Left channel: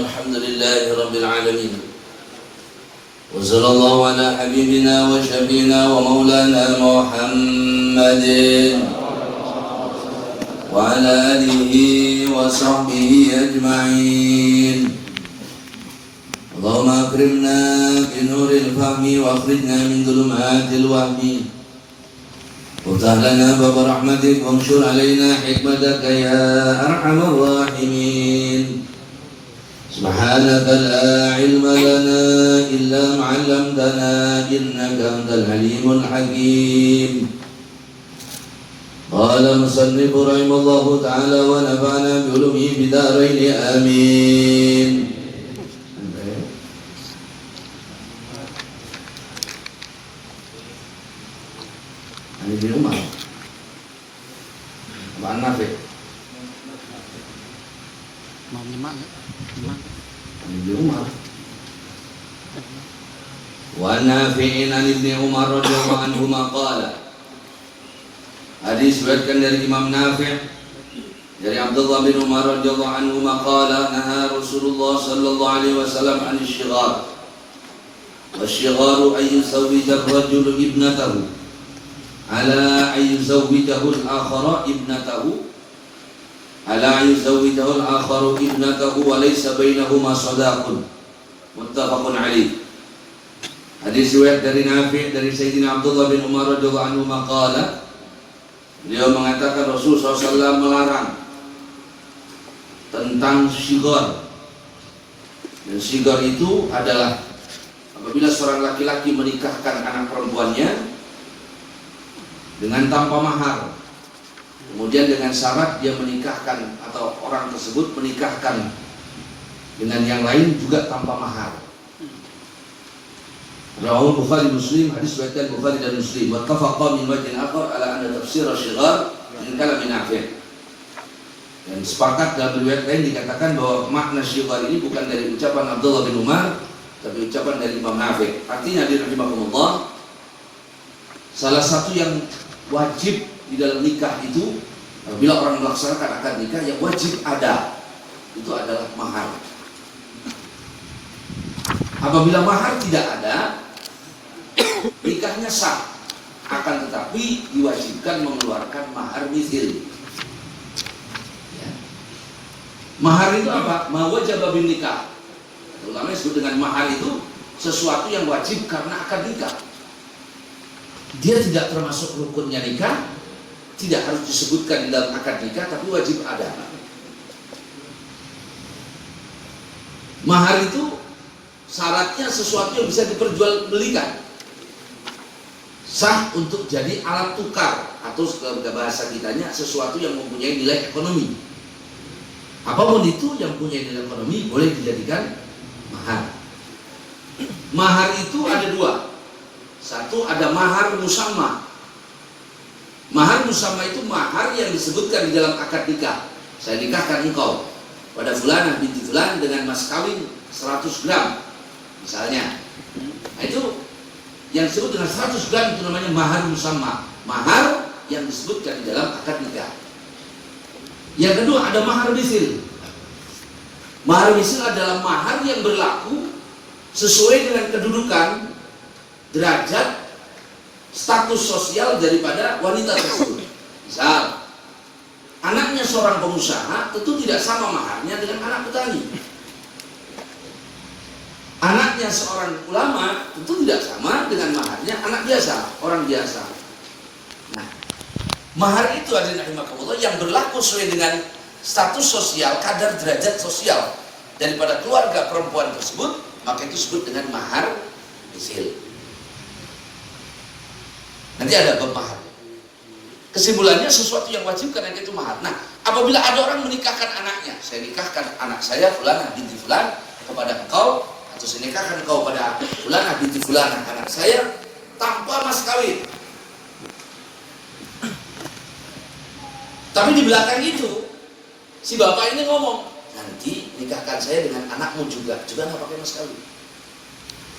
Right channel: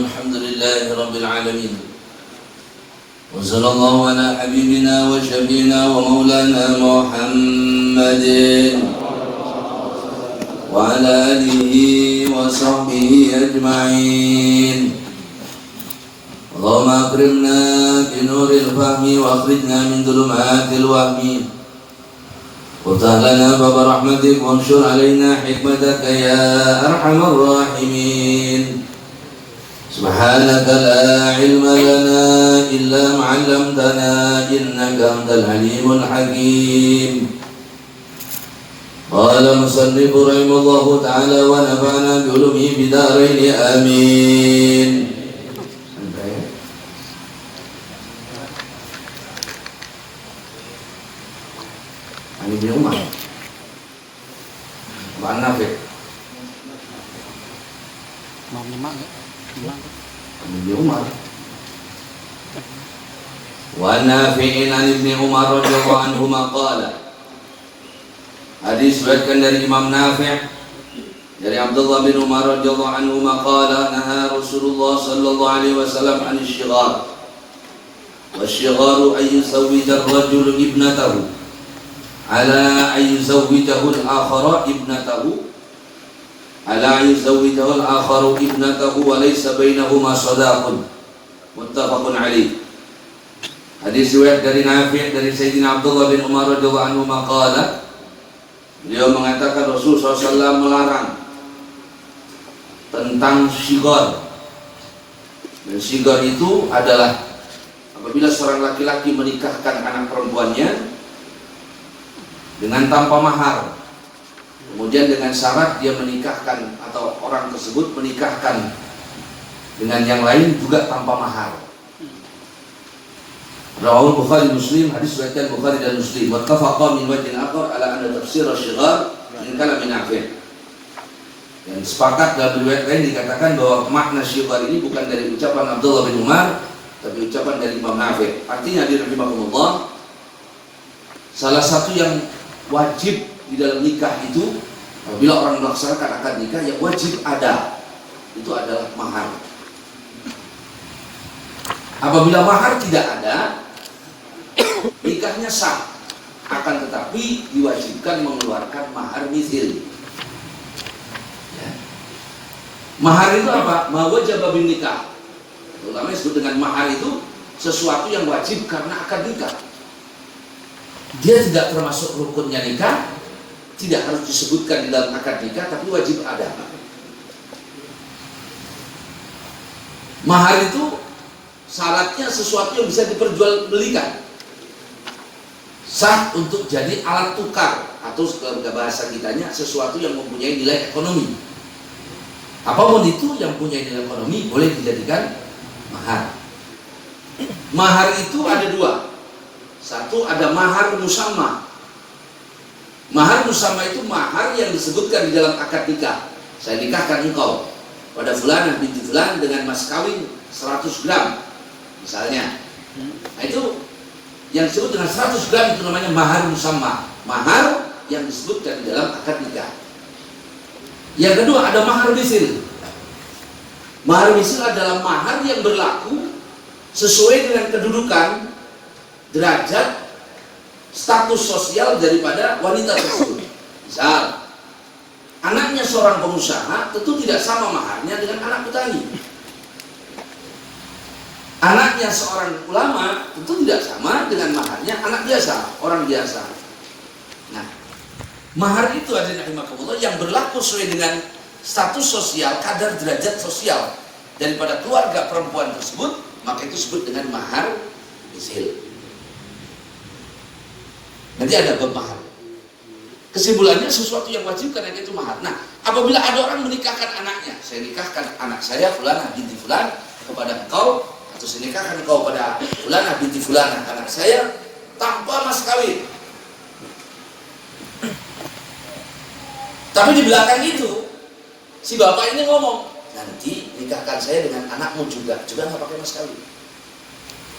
الحمد لله رب العالمين وصلى الله على حبيبنا وشفينا ومولانا محمد وعلى آله وصحبه أجمعين. اللهم أكرمنا بنور الفهم وأخرجنا من ظلمات الوهم وافتح لنا باب رحمتك وانشر علينا حكمتك يا أرحم الراحمين. سبحانك لا علم لنا إلا ما علمتنا إنك أنت العليم الحكيم. قال مصنف رحمه الله تعالى ونفعنا بعلومه بدارين آمين. Ibn Umar Mbak Nafi' Ibn Umar wa Nafi'in an Ibn Umar radhiyallahu anhuma qala. Hadis diriwayatkan dari Imam Nafi' dari Abdullah bin Umar radhiyallahu anhuma qala naha Rasulullah sallallahu alaihi wasallam an asy-syighar wa asy-shigharu ay yuzawwija ar-rajulu ibnatahu ala ayyuzawwijahu al-akhara ibnatahu ala ayyuzawwijahu al-akharu ibnatahu wa laysa bainahuma sadaqun. Muttafaqun alaih. Hadis riwayat dari Nafi' dari Sayyidina Abdullah bin Umar radhiyallahu anhu maqala, beliau mengatakan Rasulullah SAW melarang tentang syighar. Dan syighar itu adalah apabila seorang laki-laki menikahkan anak perempuannya dengan tanpa mahar, kemudian dengan syarat dia menikahkan atau orang tersebut menikahkan dengan yang lain juga tanpa mahar. Rawahul Bukhari Muslim, hadis riwayat Bukhari dan Muslim. Wa tafaqa min wajhin akhar ala anna tafsir asy-syighar min kalam Nafi'. Dan sepakat dalam riwayat lain dikatakan bahwa makna syighar ini bukan dari ucapan Abdullah bin Umar, tapi ucapan dari Imam Nafi'. Artinya rahimahumullah, salah satu yang wajib di dalam nikah itu, apabila orang melaksanakan akad nikah yang wajib ada, itu adalah mahar. Apabila mahar tidak ada, nikahnya sah, akan tetapi diwajibkan mengeluarkan mahar mithil. Ya. Mahar itu apa? Ma wajaba bin nikah. Terutama disebut dengan mahar itu sesuatu yang wajib karena akad nikah. Dia tidak termasuk rukunnya nikah, tidak harus disebutkan di dalam akad nikah, tapi wajib ada. Mahar itu syaratnya sesuatu yang bisa diperjualbelikan, sah untuk jadi alat tukar, atau dalam bahasa kitanya sesuatu yang mempunyai nilai ekonomi. Apapun itu yang punya nilai ekonomi boleh dijadikan mahar. Mahar itu ada dua. Satu, ada mahar musamma. Mahar musamma itu mahar yang disebutkan di dalam akad nikah. Saya nikahkan engkau pada fulanah binti fulan dengan mas kawin 100 gram misalnya. Nah, itu yang disebut dengan 100 gram itu namanya mahar musamma. Mahar yang disebutkan di dalam akad nikah. Yang kedua, ada mahar misil. Mahar misil adalah mahar yang berlaku sesuai dengan kedudukan, derajat, status sosial daripada wanita tersebut. Misal, anaknya seorang pengusaha tentu tidak sama maharnya dengan anak petani. Anaknya seorang ulama tentu tidak sama dengan maharnya anak biasa, orang biasa. Nah, mahar itu adalah yang berlaku sesuai dengan status sosial, kadar derajat sosial daripada keluarga perempuan tersebut, maka itu disebut dengan mahar misil. Nanti ada bab mahar. Kesimpulannya sesuatu yang wajib karena itu mahar. Nah, apabila ada orang menikahkan anaknya, saya nikahkan anak saya fulanah binti fulan kepada engkau, atau saya nikahkan engkau pada fulanah binti fulan anak saya tanpa mas kawin. Tapi di belakang itu si bapak ini ngomong, nanti nikahkan saya dengan anakmu juga nggak pakai mas kawin.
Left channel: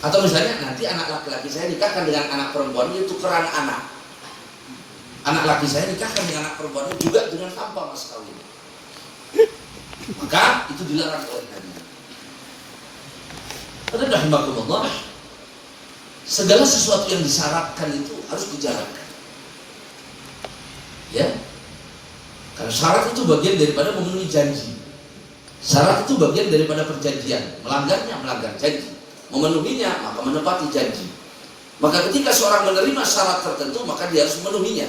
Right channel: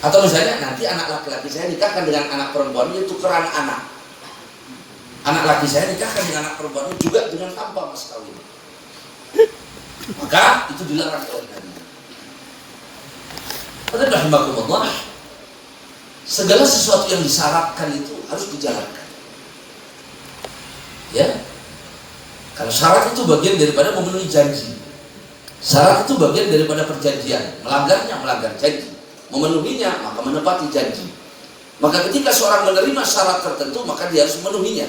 Atau misalnya nanti anak laki-laki saya nikahkan dengan anak perempuannya tukeran anak. Anak laki saya nikahkan dengan anak perempuannya juga dengan tanpa mas kawin. Maka itu dilarang oleh Nabi. Pada rahimakumullah, segala sesuatu yang disyaratkan itu harus dijalankan. Ya, karena syarat itu bagian daripada memenuhi janji. Syarat itu bagian daripada perjanjian. Melanggarnya melanggar janji, memenuhinya maka menepati janji. Maka ketika seorang menerima syarat tertentu, maka dia harus memenuhinya.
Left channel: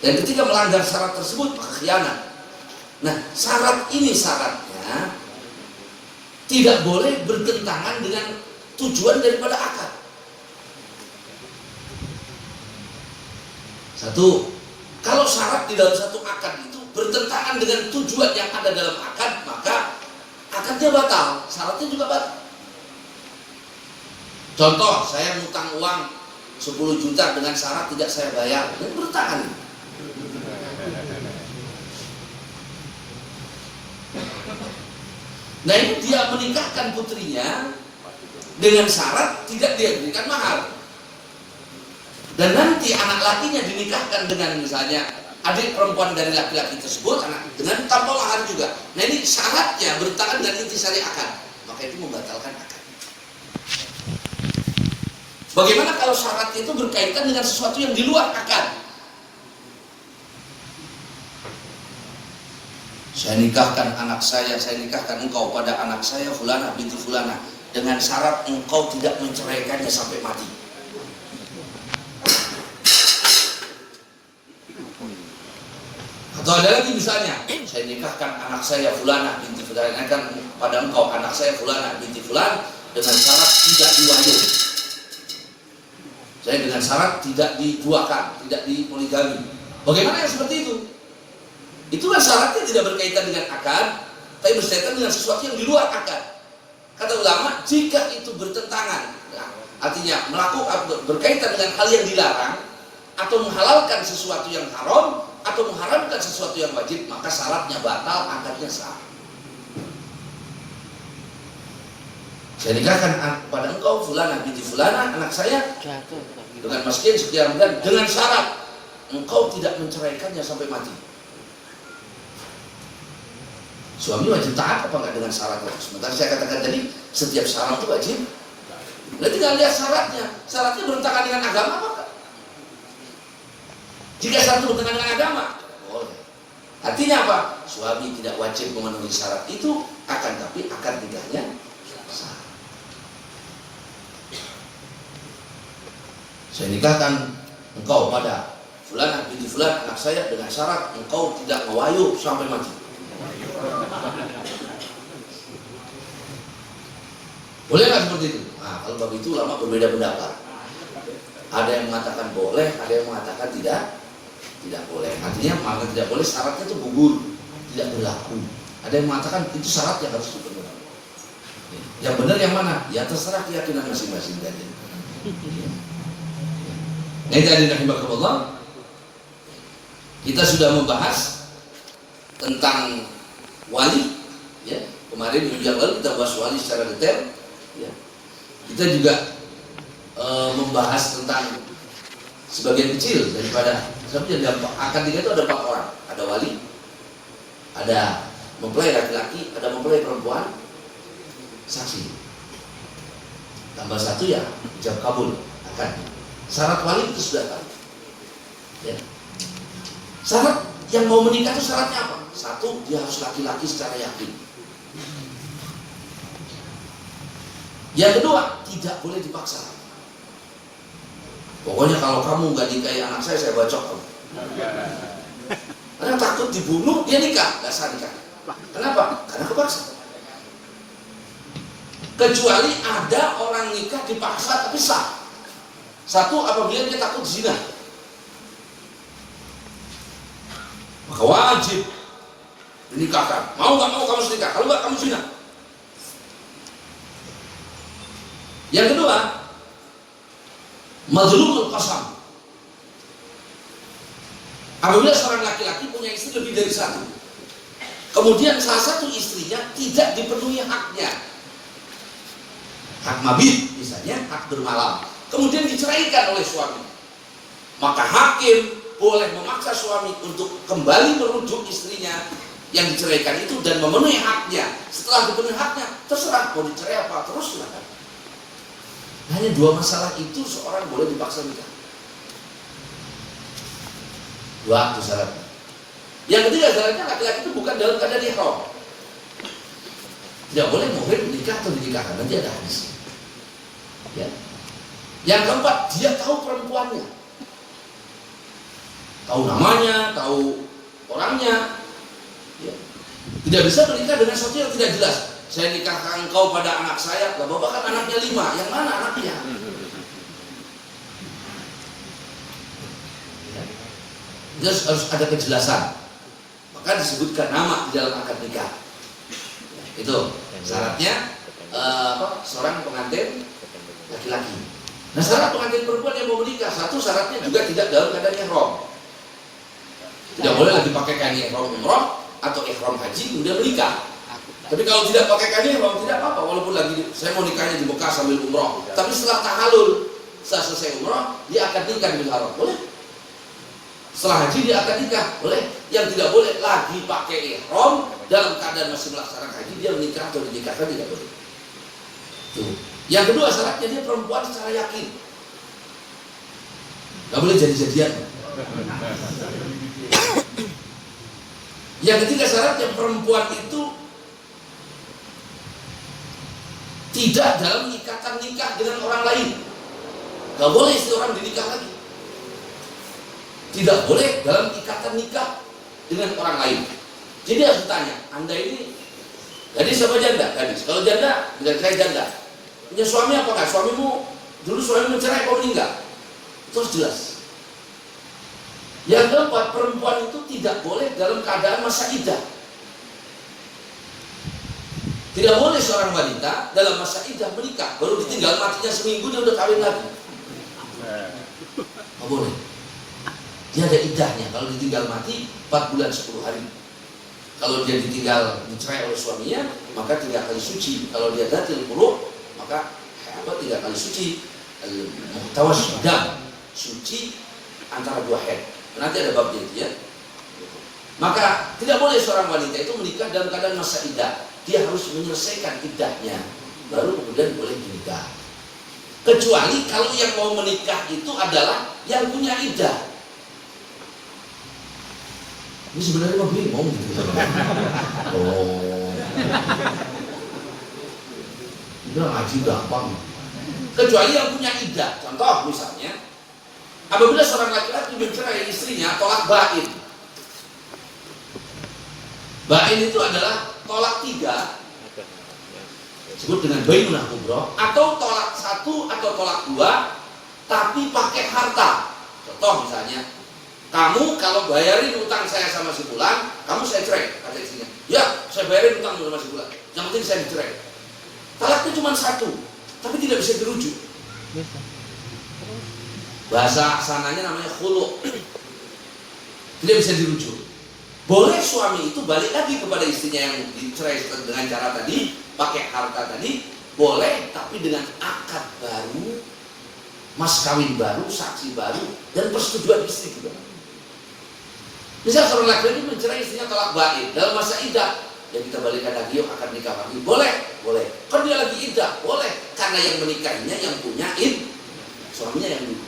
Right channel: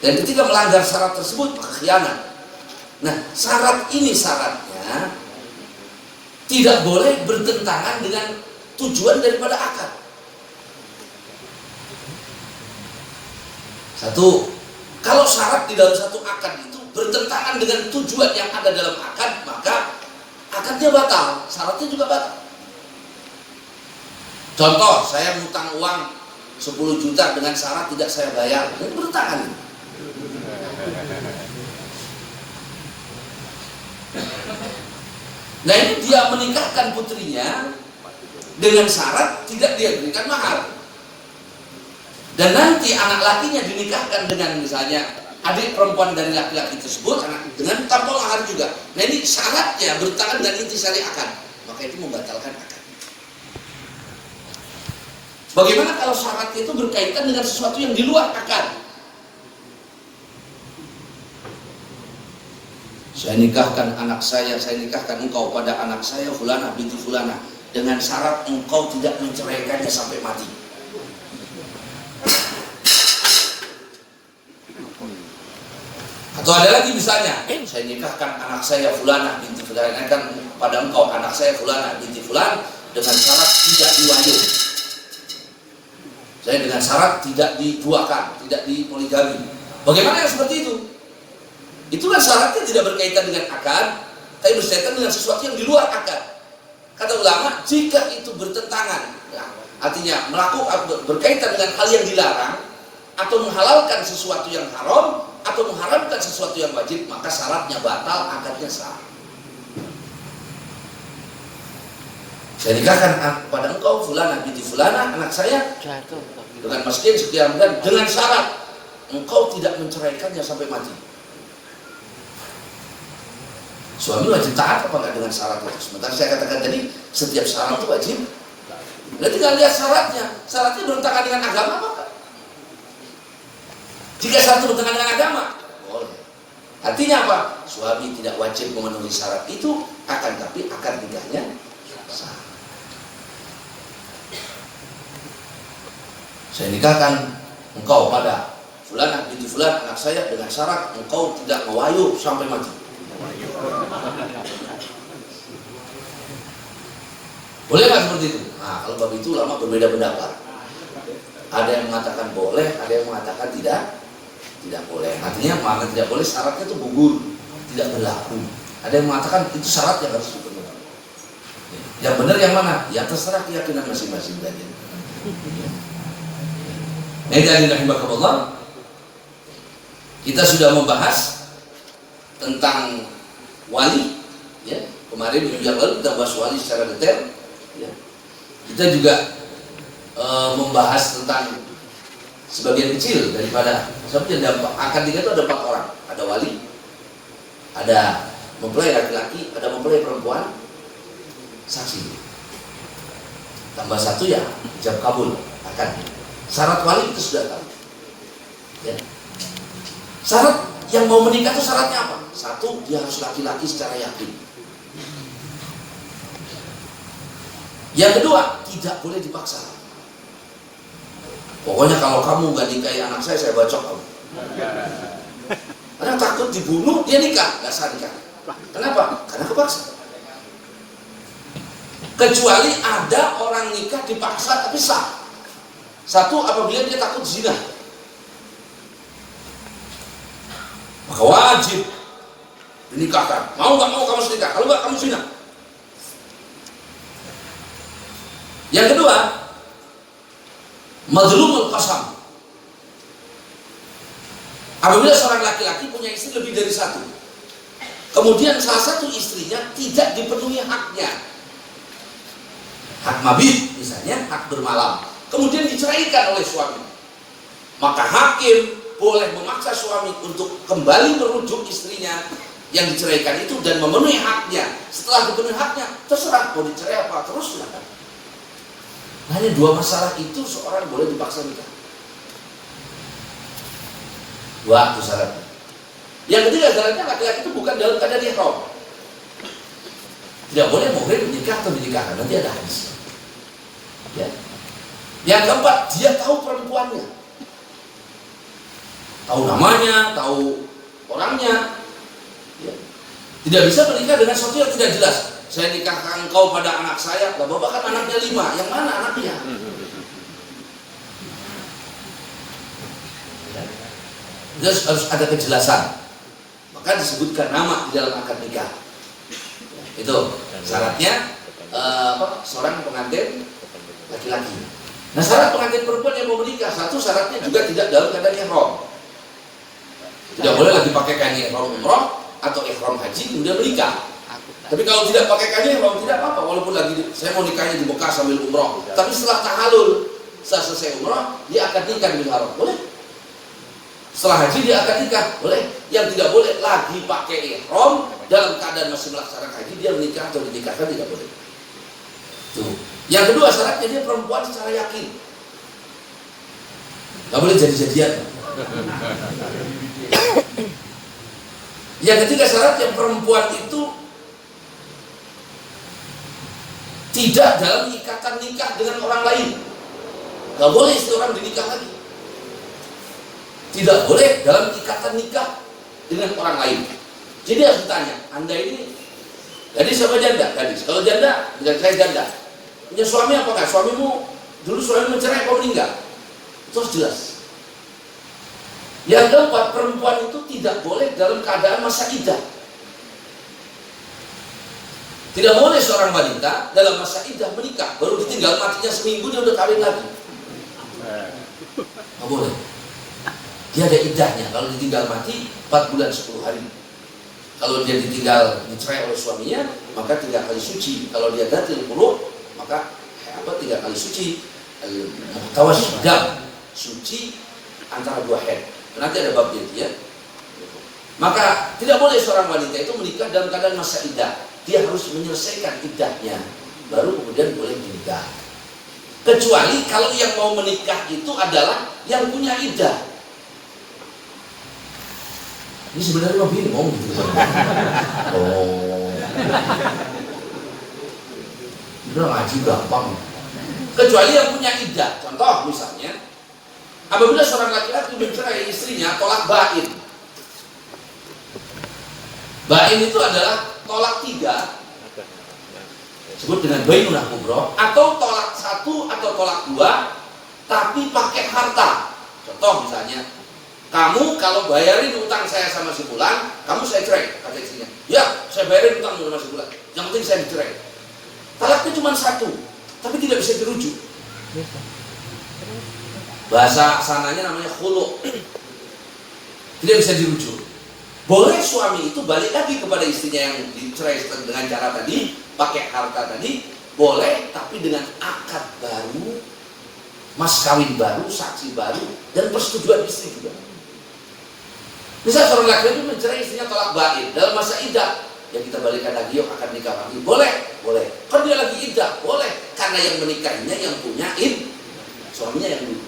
Dan ketika melanggar syarat tersebut, maka khianat. Nah, syarat ini syaratnya tidak boleh bertentangan dengan tujuan daripada akad. Satu, kalau syarat di dalam satu akad itu bertentangan dengan tujuan yang ada dalam akad, maka akadnya batal, syaratnya juga batal. Contoh, saya ngutang uang 10 juta dengan syarat tidak saya bayar, ini bertentangan. Nah, ini dia menikahkan putrinya dengan syarat tidak dia berikan mahar. Dan nanti anak lakinya dinikahkan dengan misalnya adik perempuan dari laki-laki tersebut dengan tanpa mahar juga. Nah, ini syaratnya bertentangan dengan intisari akad, maka itu membatalkan akad. Bagaimana kalau syaratnya itu berkaitan dengan sesuatu yang di luar akad? Saya nikahkan anak saya nikahkan engkau pada anak saya Fulana binti Fulana dengan syarat engkau tidak menceraikannya sampai mati. Atau ada lagi misalnya, saya nikahkan anak saya Fulana binti Fulana pada engkau anak saya Fulana binti Fulan dengan syarat tidak diwayu. Saya dengan syarat tidak diduakan, tidak dipoligami. Bagaimana yang seperti itu? Itulah syaratnya tidak berkaitan dengan akad, tapi berkaitan dengan sesuatu yang di luar akad. Kata ulama, jika itu bertentangan, nah, artinya melakukan berkaitan dengan hal yang dilarang, atau menghalalkan sesuatu yang haram, atau mengharamkan sesuatu yang wajib, maka syaratnya batal, akadnya sah. Saya nikahkan pada engkau Fulana binti Fulana anak saya dengan miskin sekian bulan dengan syarat engkau tidak menceraikannya sampai mati. Suami wajib taat apa enggak dengan syarat itu? Sementara saya katakan tadi, setiap syarat itu wajib. Nah, tinggal lihat syaratnya. Syaratnya bertentangan dengan agama apa? Jika syarat itu bertentangan dengan agama, boleh. Artinya apa? Suami tidak wajib memenuhi syarat itu, akan tapi akan tidaknya sah. Saya nikahkan engkau pada Fulan binti Fulan anak saya dengan syarat engkau tidak mewayu sampai mati. Boleh nggak seperti itu? Nah, kalau bab itu ulama berbeda pendapat. Ada yang mengatakan boleh, ada yang mengatakan tidak boleh. Artinya mana tidak boleh syaratnya itu gugur, tidak berlaku. Ada yang mengatakan itu syarat yang harus dipenuhi. Yang benar yang mana? Ya terserah keyakinan masing-masing dari. Hadirin rahimakumullah. Kita sudah membahas tentang wali, ya. Kemarin minggu yang lalu kita bahas wali secara detail, ya. Kita juga membahas tentang sebagian kecil daripada seperti akad nikah itu ada 4 orang, ada wali, ada mempelai laki-laki, ada mempelai perempuan, saksi. Tambah 1 ya ijab kabul akad. Syarat wali itu sudah tahu, ya. Syarat yang mau menikah itu syaratnya apa? 1, dia harus laki-laki secara yakin. Yang kedua, tidak boleh dipaksa. Pokoknya kalau kamu gak nikahi anak saya bacok kamu. Karena takut dibunuh, dia nikah, gak sah nikah. Kenapa? Karena kepaksa. Kecuali ada orang nikah dipaksa tapi sah. 1, apabila dia takut zina, maka wajib dinikahkan. Mau gak mau kamu nikah, kalau gak kamu zina. Yang kedua, madlumul qasam. Apabila seorang laki-laki punya istri lebih dari 1, kemudian salah satu istrinya tidak dipenuhi haknya, hak mabit misalnya, hak bermalam, kemudian diceraikan oleh suami, maka hakim boleh memaksa suami untuk kembali merujuk istrinya yang diceraikan itu dan memenuhi haknya. Setelah dipenuhi haknya, terserah mau dicerai apa, terus silakan. Hanya dua masalah itu seorang boleh dipaksa nikah. Dua itu syaratnya. Yang ketiga syaratnya laki-laki itu bukan dalam keadaan ihram. Tidak boleh muhrim menikah atau dinikahkan, nanti ada hadis. Ya. Yang keempat, dia tahu perempuannya, tahu namanya, tahu orangnya. Ya. Tidak bisa menikah dengan sesuatu yang tidak jelas. Saya nikahkan engkau pada anak saya, lah bapak kan anaknya 5, yang mana anaknya? Ya. Harus ada kejelasan. Maka disebutkan nama di dalam akad nikah. Itu syaratnya seorang pengantin laki-laki. Nah, syarat pengantin perempuan yang mau menikah, satu syaratnya juga tidak dalam keadaan ihram. Tidak boleh lagi pakai kain ihram umrah atau ihram haji kemudian menikah. Tapi kalau tidak pakai kain ihram tidak apa-apa, walaupun lagi saya mau nikahnya di Mekah sambil umrah. Tapi setelah tahalul, setelah selesai umrah, dia akan nikah di haram. Boleh? Setelah haji dia akan nikah, boleh. Yang tidak boleh lagi pakai ihram dalam keadaan masih melaksanakan haji, dia menikah atau dinikahkan tidak boleh. Tuh. Yang kedua syaratnya dia perempuan secara yakin, nggak boleh jadi-jadian. Yang ketiga syaratnya perempuan itu tidak dalam ikatan nikah dengan orang lain, nggak boleh istri orang dinikah lagi. Tidak boleh dalam ikatan nikah dengan orang lain. Jadi harus ditanya, Anda ini gadis apa janda? Gadis. Kalau janda, dengan saya janda. Punya suami apa enggak? Suamimu, dulu suamimu mencerai apa meninggal? Terus jelas. Yang keempat, perempuan itu tidak boleh dalam keadaan masa iddah. Tidak boleh seorang wanita dalam masa iddah menikah, baru ditinggal matinya seminggu dia udah kawin lagi. Nggak boleh. Dia ada iddahnya. Kalau ditinggal mati 4 bulan 10 hari. Kalau dia ditinggal dicerai oleh suaminya, maka 3 kali suci. Kalau dia datil puluh, maka 3 kali suci. Muhtawasyidam, suci antara 2 haid. Nanti ada babnya itu ya. Maka tidak boleh seorang wanita itu menikah dalam keadaan masa iddah. Dia harus menyelesaikan iddahnya, baru kemudian boleh menikah. Kecuali kalau yang mau menikah itu adalah yang punya iddah. Ini sebenarnya mah bingung gitu. Oh. Udah ngaji gampang. Kecuali yang punya iddah. Contoh misalnya, apabila seorang laki-laki mencerai istrinya, tolak bain. Bain itu adalah tolak 3, disebut dengan bainun kubra, atau tolak 1 atau tolak 2, tapi pakai harta. Contoh misalnya, kamu kalau bayarin utang saya sama si Fulan, kamu saya cerai, kata istrinya. Ya, saya bayarin utang sama si Fulan. Yang penting saya dicerai. Talaknya cuma 1, tapi tidak bisa dirujuk. Bahasa sananya namanya khulu. Tidak bisa dirujuk. Boleh suami itu balik lagi kepada istrinya yang dicerai dengan cara tadi, pakai harta tadi, boleh, tapi dengan akad baru, mas kawin baru, saksi baru, dan persetujuan istri juga. Misal seorang laki-laki mencerai istrinya tolak bain dalam masa iddah, ya kita balikan lagi, yuk akan nikah lagi. Boleh, boleh. Kan dia lagi iddah, boleh. Karena yang menikahinya yang punya suaminya yang dulu.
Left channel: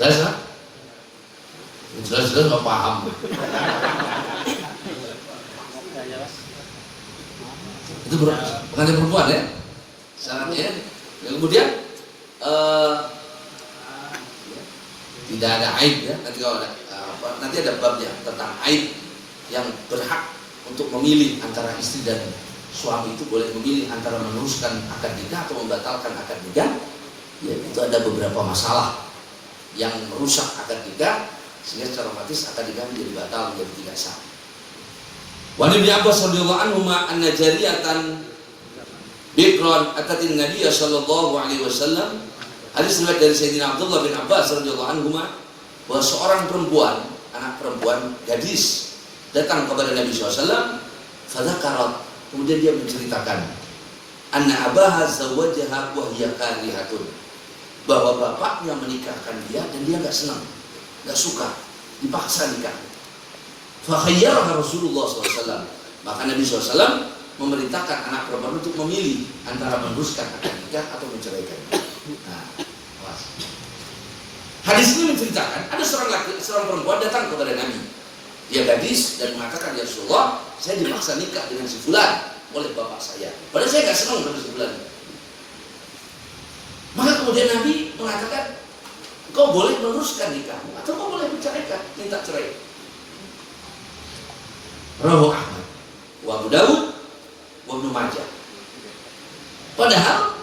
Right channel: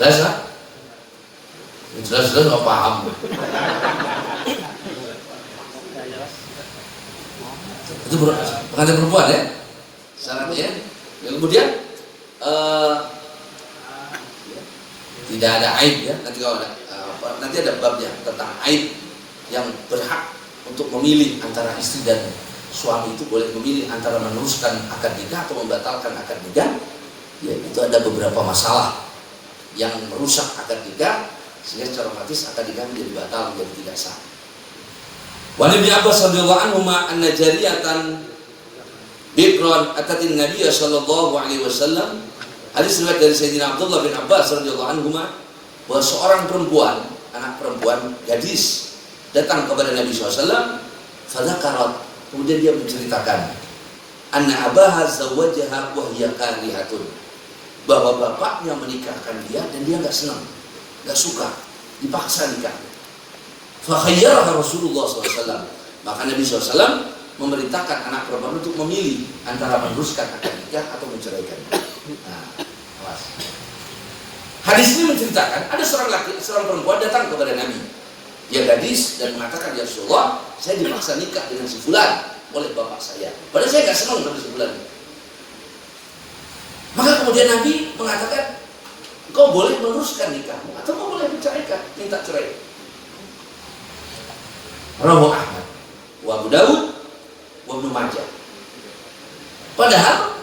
Jelas lah? Jelas-jelas nggak paham. Itu pengantin perempuan ya, syaratnya. Yang kemudian tidak ada aib ya. Nanti kalau ada nanti ada babnya tentang aib yang berhak untuk memilih antara istri dan suami itu boleh memilih antara meneruskan akad nikah atau membatalkan akad nikah. Ya, itu ada beberapa masalah yang merusak akad nikah sehingga secara otomatis akad nikah menjadi batal, menjadi tidak sah. Wa Ibnu Abbas radhiyallahu anhu anna jariyatan bikran atatin Nabiy sallallahu alaihi wasallam. Hadis riwayat dari Sayyidina Abdullah bin Abbas radhiyallahu anhu bahwa seorang perempuan, anak perempuan gadis datang kepada Nabi SAW. Fadzakarat, kemudian dia menceritakan anna abaha zawwajaha wa hiya karihatun, bahwa bapaknya menikahkan dia dan dia enggak senang, enggak suka, dipaksa nikah. Fakhayyaraha Rasulullah SAW. Maka Nabi SAW memerintahkan anak perempuan untuk memilih antara meneruskan akad nikah atau menceraikan. Nah, awas. Hadis ini menceritakan ada seorang perempuan datang kepada Nabi. Dia gadis dan mengatakan, ya Rasulullah, saya dipaksa nikah dengan si fulan oleh bapak saya. Padahal saya nggak senang sama si fulan. Maka kemudian Nabi mengatakan, kau boleh meneruskan nikahmu atau kau boleh menceraikan, minta cerai. Rawahu Ahmad, wa Abu Dawud, wa Ibnu Majah. Padahal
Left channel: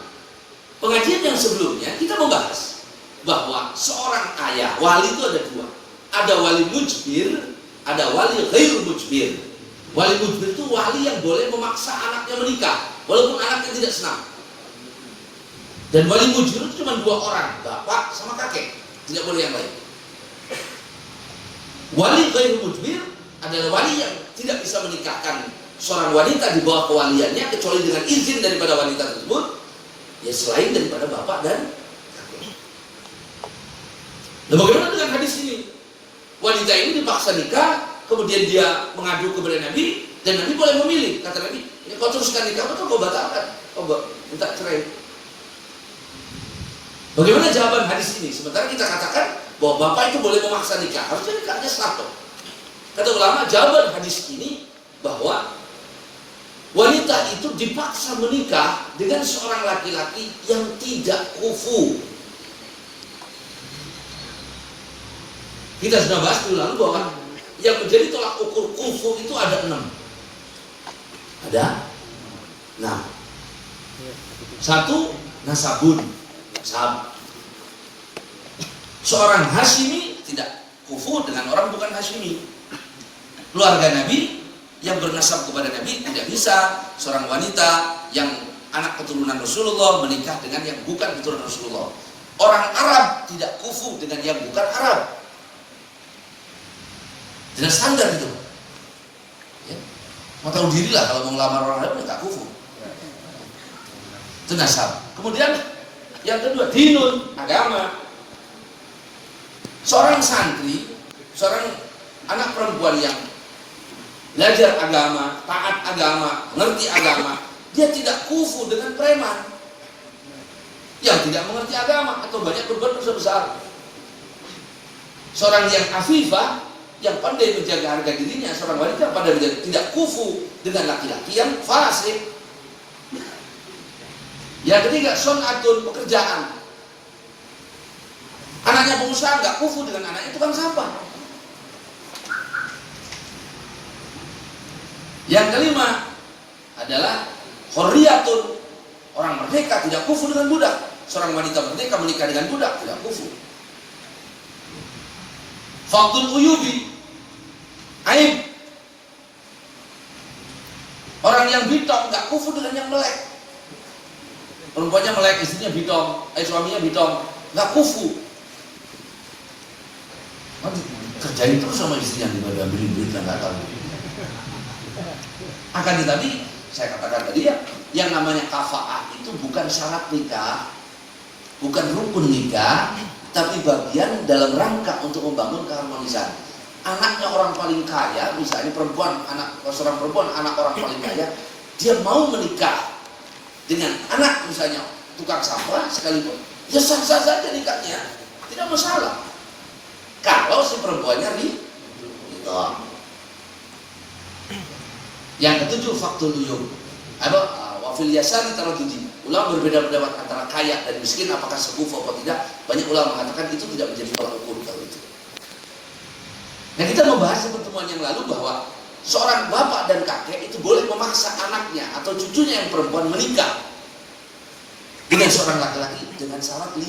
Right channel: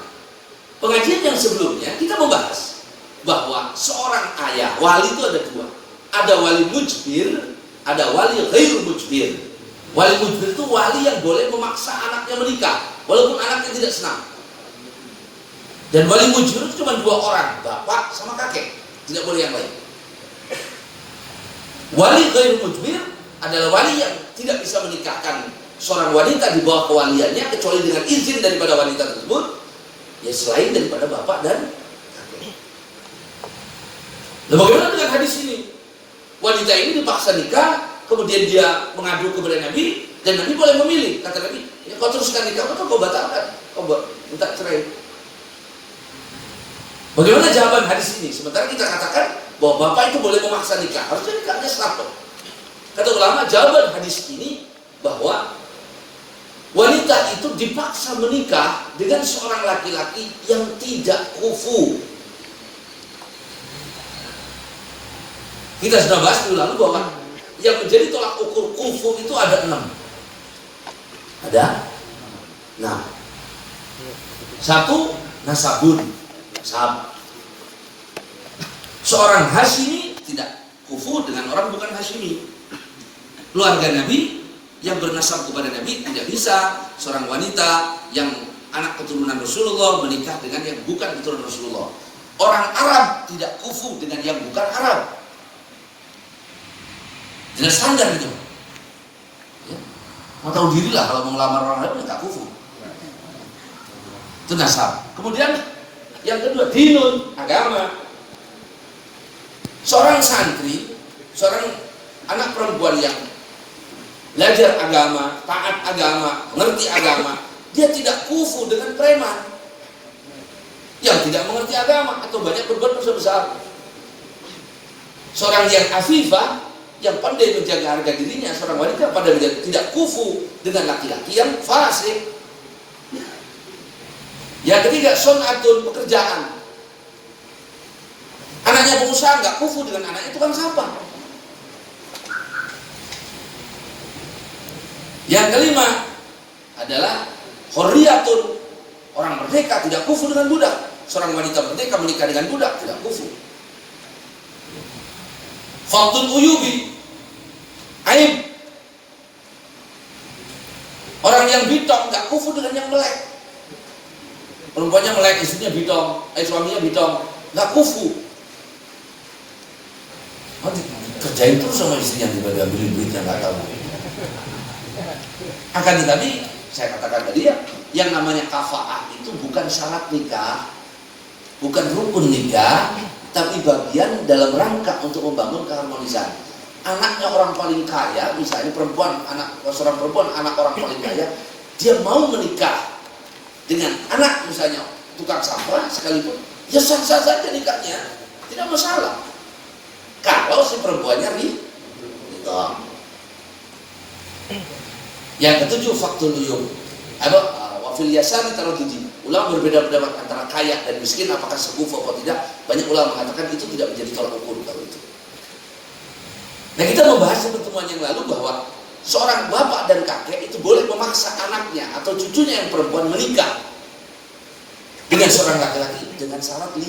pengajian yang sebelumnya kita membahas bahwa seorang ayah, wali itu ada dua. Ada wali mujbir, ada wali ghairu mujbir. Wali mujbir itu wali yang boleh memaksa anaknya menikah walaupun anaknya tidak senang. Dan wali mujbir itu cuma dua orang, bapak sama kakek, tidak boleh yang lain. Wali ghairu mujbir adalah wali yang tidak bisa menikahkan seorang wanita di bawah kewaliannya kecuali dengan izin daripada wanita tersebut, ya selain daripada bapak dan kakek. Nah, bagaimana dengan hadis ini? Wanita ini dipaksa nikah, kemudian dia mengadu kepada Nabi, dan Nabi boleh memilih. Kata Nabi, ya kau teruskan nikah atau kau batalkan, kau minta cerai. Bagaimana jawaban hadis ini? Sementara kita katakan bahwa bapak itu boleh memaksa nikah, harusnya nikahnya sah. Kata ulama, jawaban hadis ini bahwa wanita itu dipaksa menikah dengan seorang laki-laki yang tidak kufu. Kita sudah bahas dulu lalu bahwa yang menjadi tolak ukur kufu itu ada 6. Ada 6. 1, nasabun, sahab. Seorang Hashimi tidak kufu dengan orang bukan Hashimi. Keluarga Nabi yang bernasab kepada Nabi tidak bisa seorang wanita yang anak keturunan Rasulullah menikah dengan yang bukan keturunan Rasulullah. Orang Arab tidak kufu dengan yang bukan Arab. Jelas standar itu. Ya. Mau tahu diri lah kalau mau ngelamar orang Arab tidak kufu. Itu nasab. Kemudian yang kedua, dinun, agama. Seorang santri, seorang anak perempuan yang belajar agama, taat agama, mengerti agama, dia tidak kufu dengan preman yang tidak mengerti agama atau banyak berbuat dosa besar. Seorang yang afifah, yang pandai menjaga harga dirinya, seorang wanita pada menjadi tidak kufu dengan laki-laki yang fasik. Yang ketiga, sonatun, pekerjaan. Anaknya pengusaha nggak kufu dengan anaknya tukang sampah. Yang kelima adalah hurriyatun, orang merdeka tidak kufu dengan budak. Seorang wanita merdeka menikah dengan budak tidak kufu. Faqdul uyubi, aib. Orang yang bitong nggak kufu dengan yang melek. Perempuannya melek, istrinya bitong, suaminya bitong, nggak kufu. Kerjain terus sama istrinya dibagi ambilin duitnya nggak tahu. Akan tetapi saya katakan tadi ya, yang namanya kafaah itu bukan syarat nikah, bukan rukun nikah, tapi bagian dalam rangka untuk membangun keharmonisan. Anaknya orang paling kaya, misalnya seorang perempuan anak orang paling kaya, dia mau menikah dengan anak misalnya tukang sampah sekalipun, ya sah-sah saja nikahnya, tidak masalah. Kalau si perempuannya gitu. Yang ketujuh, faktul uyum. Wafil yasari taradudi. Ulama berbeda pendapat antara kaya dan miskin, apakah sekufu atau tidak. Banyak ulama mengatakan itu tidak menjadi tolak ukur kalau itu. Nah, kita membahas di pertemuan yang lalu bahwa seorang bapak dan kakek itu boleh memaksa anaknya atau cucunya yang perempuan menikah dengan seorang laki-laki dengan syarat 5.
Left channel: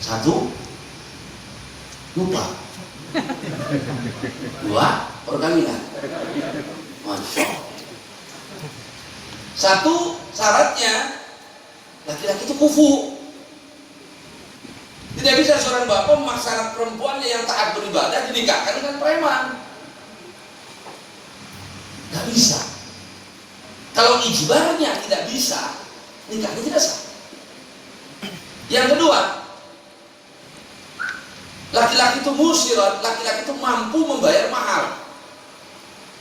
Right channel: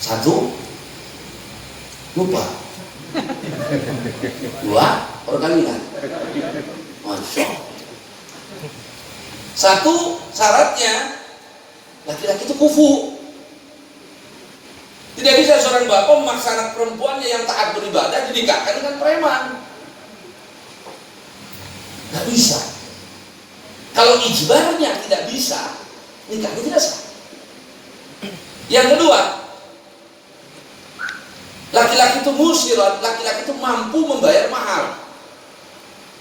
1, lupa. 2, perkawinan. Masya Allah. 1, syaratnya laki-laki itu kufu. Tidak bisa seorang bapak memaksa anak perempuannya yang taat beribadah dinikahkan dengan preman. Gak bisa. Kalau ijbarnya tidak bisa, nikahnya tidak sah. Yang kedua, Laki-laki itu musirat, laki-laki itu mampu membayar mahar.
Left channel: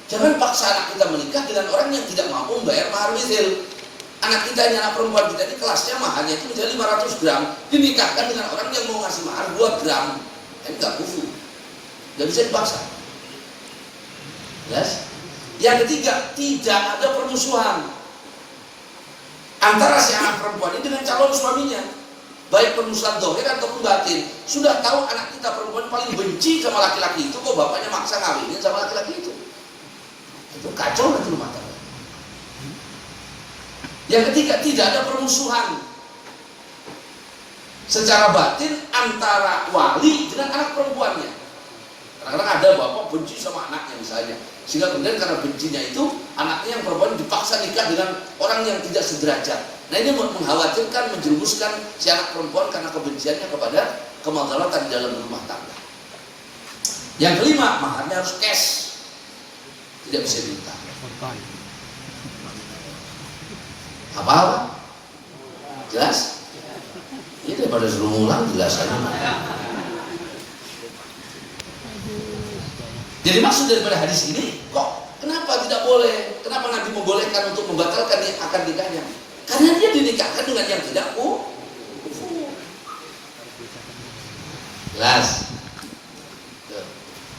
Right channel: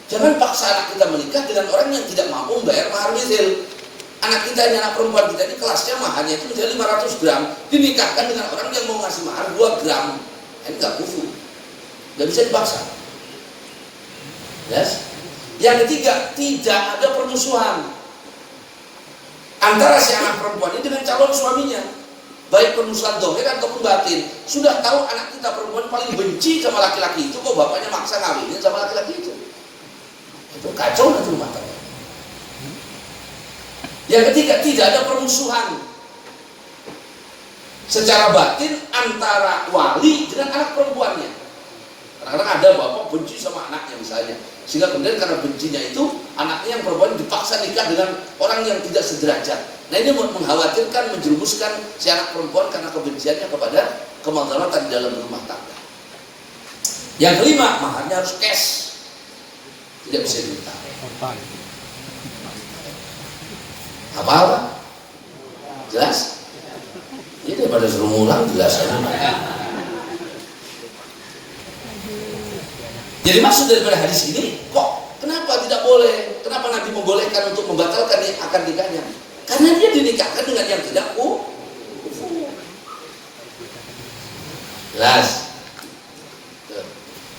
Jangan paksa anak kita menikah dengan orang yang tidak mampu membayar mahar mithil. Anak kita, anak perempuan kita ini kelasnya maharnya itu misalnya 500 gram, dinikahkan dengan orang yang mau ngasih mahar 2 gram. Ini nggak kufu, nggak bisa dipaksa. Yes? Yang ketiga, tidak ada permusuhan antara si anak perempuan ini dengan calon suaminya, baik permusuhan dohir ataupun batin. Sudah tahu anak kita perempuan paling benci sama laki-laki itu, kok bapaknya maksa ngawinin sama laki-laki itu kacau nanti rumah tangga. Yang ketiga, tidak ada permusuhan secara batin antara wali dengan anak perempuannya. Kadang-kadang ada bapak benci sama anaknya misalnya, sehingga kemudian karena bencinya itu anaknya yang perempuan dipaksa nikah dengan orang yang tidak sederajat. Nah ini mengkhawatirkan, menjerumuskan si anak perempuan karena kebenciannya kepada kemadaratan di dalam rumah tangga. Yang kelima, maharnya harus cash, tidak bisa diminta. Apa? Jelas? Ini daripada suruh ngulang jelas aja. Jadi maksud daripada hadis ini, kok kenapa tidak boleh? Kenapa Nabi membolehkan untuk membatalkan akad nikahnya? Karena dia dinikahkan dengan yang tidak kufu. Jelas?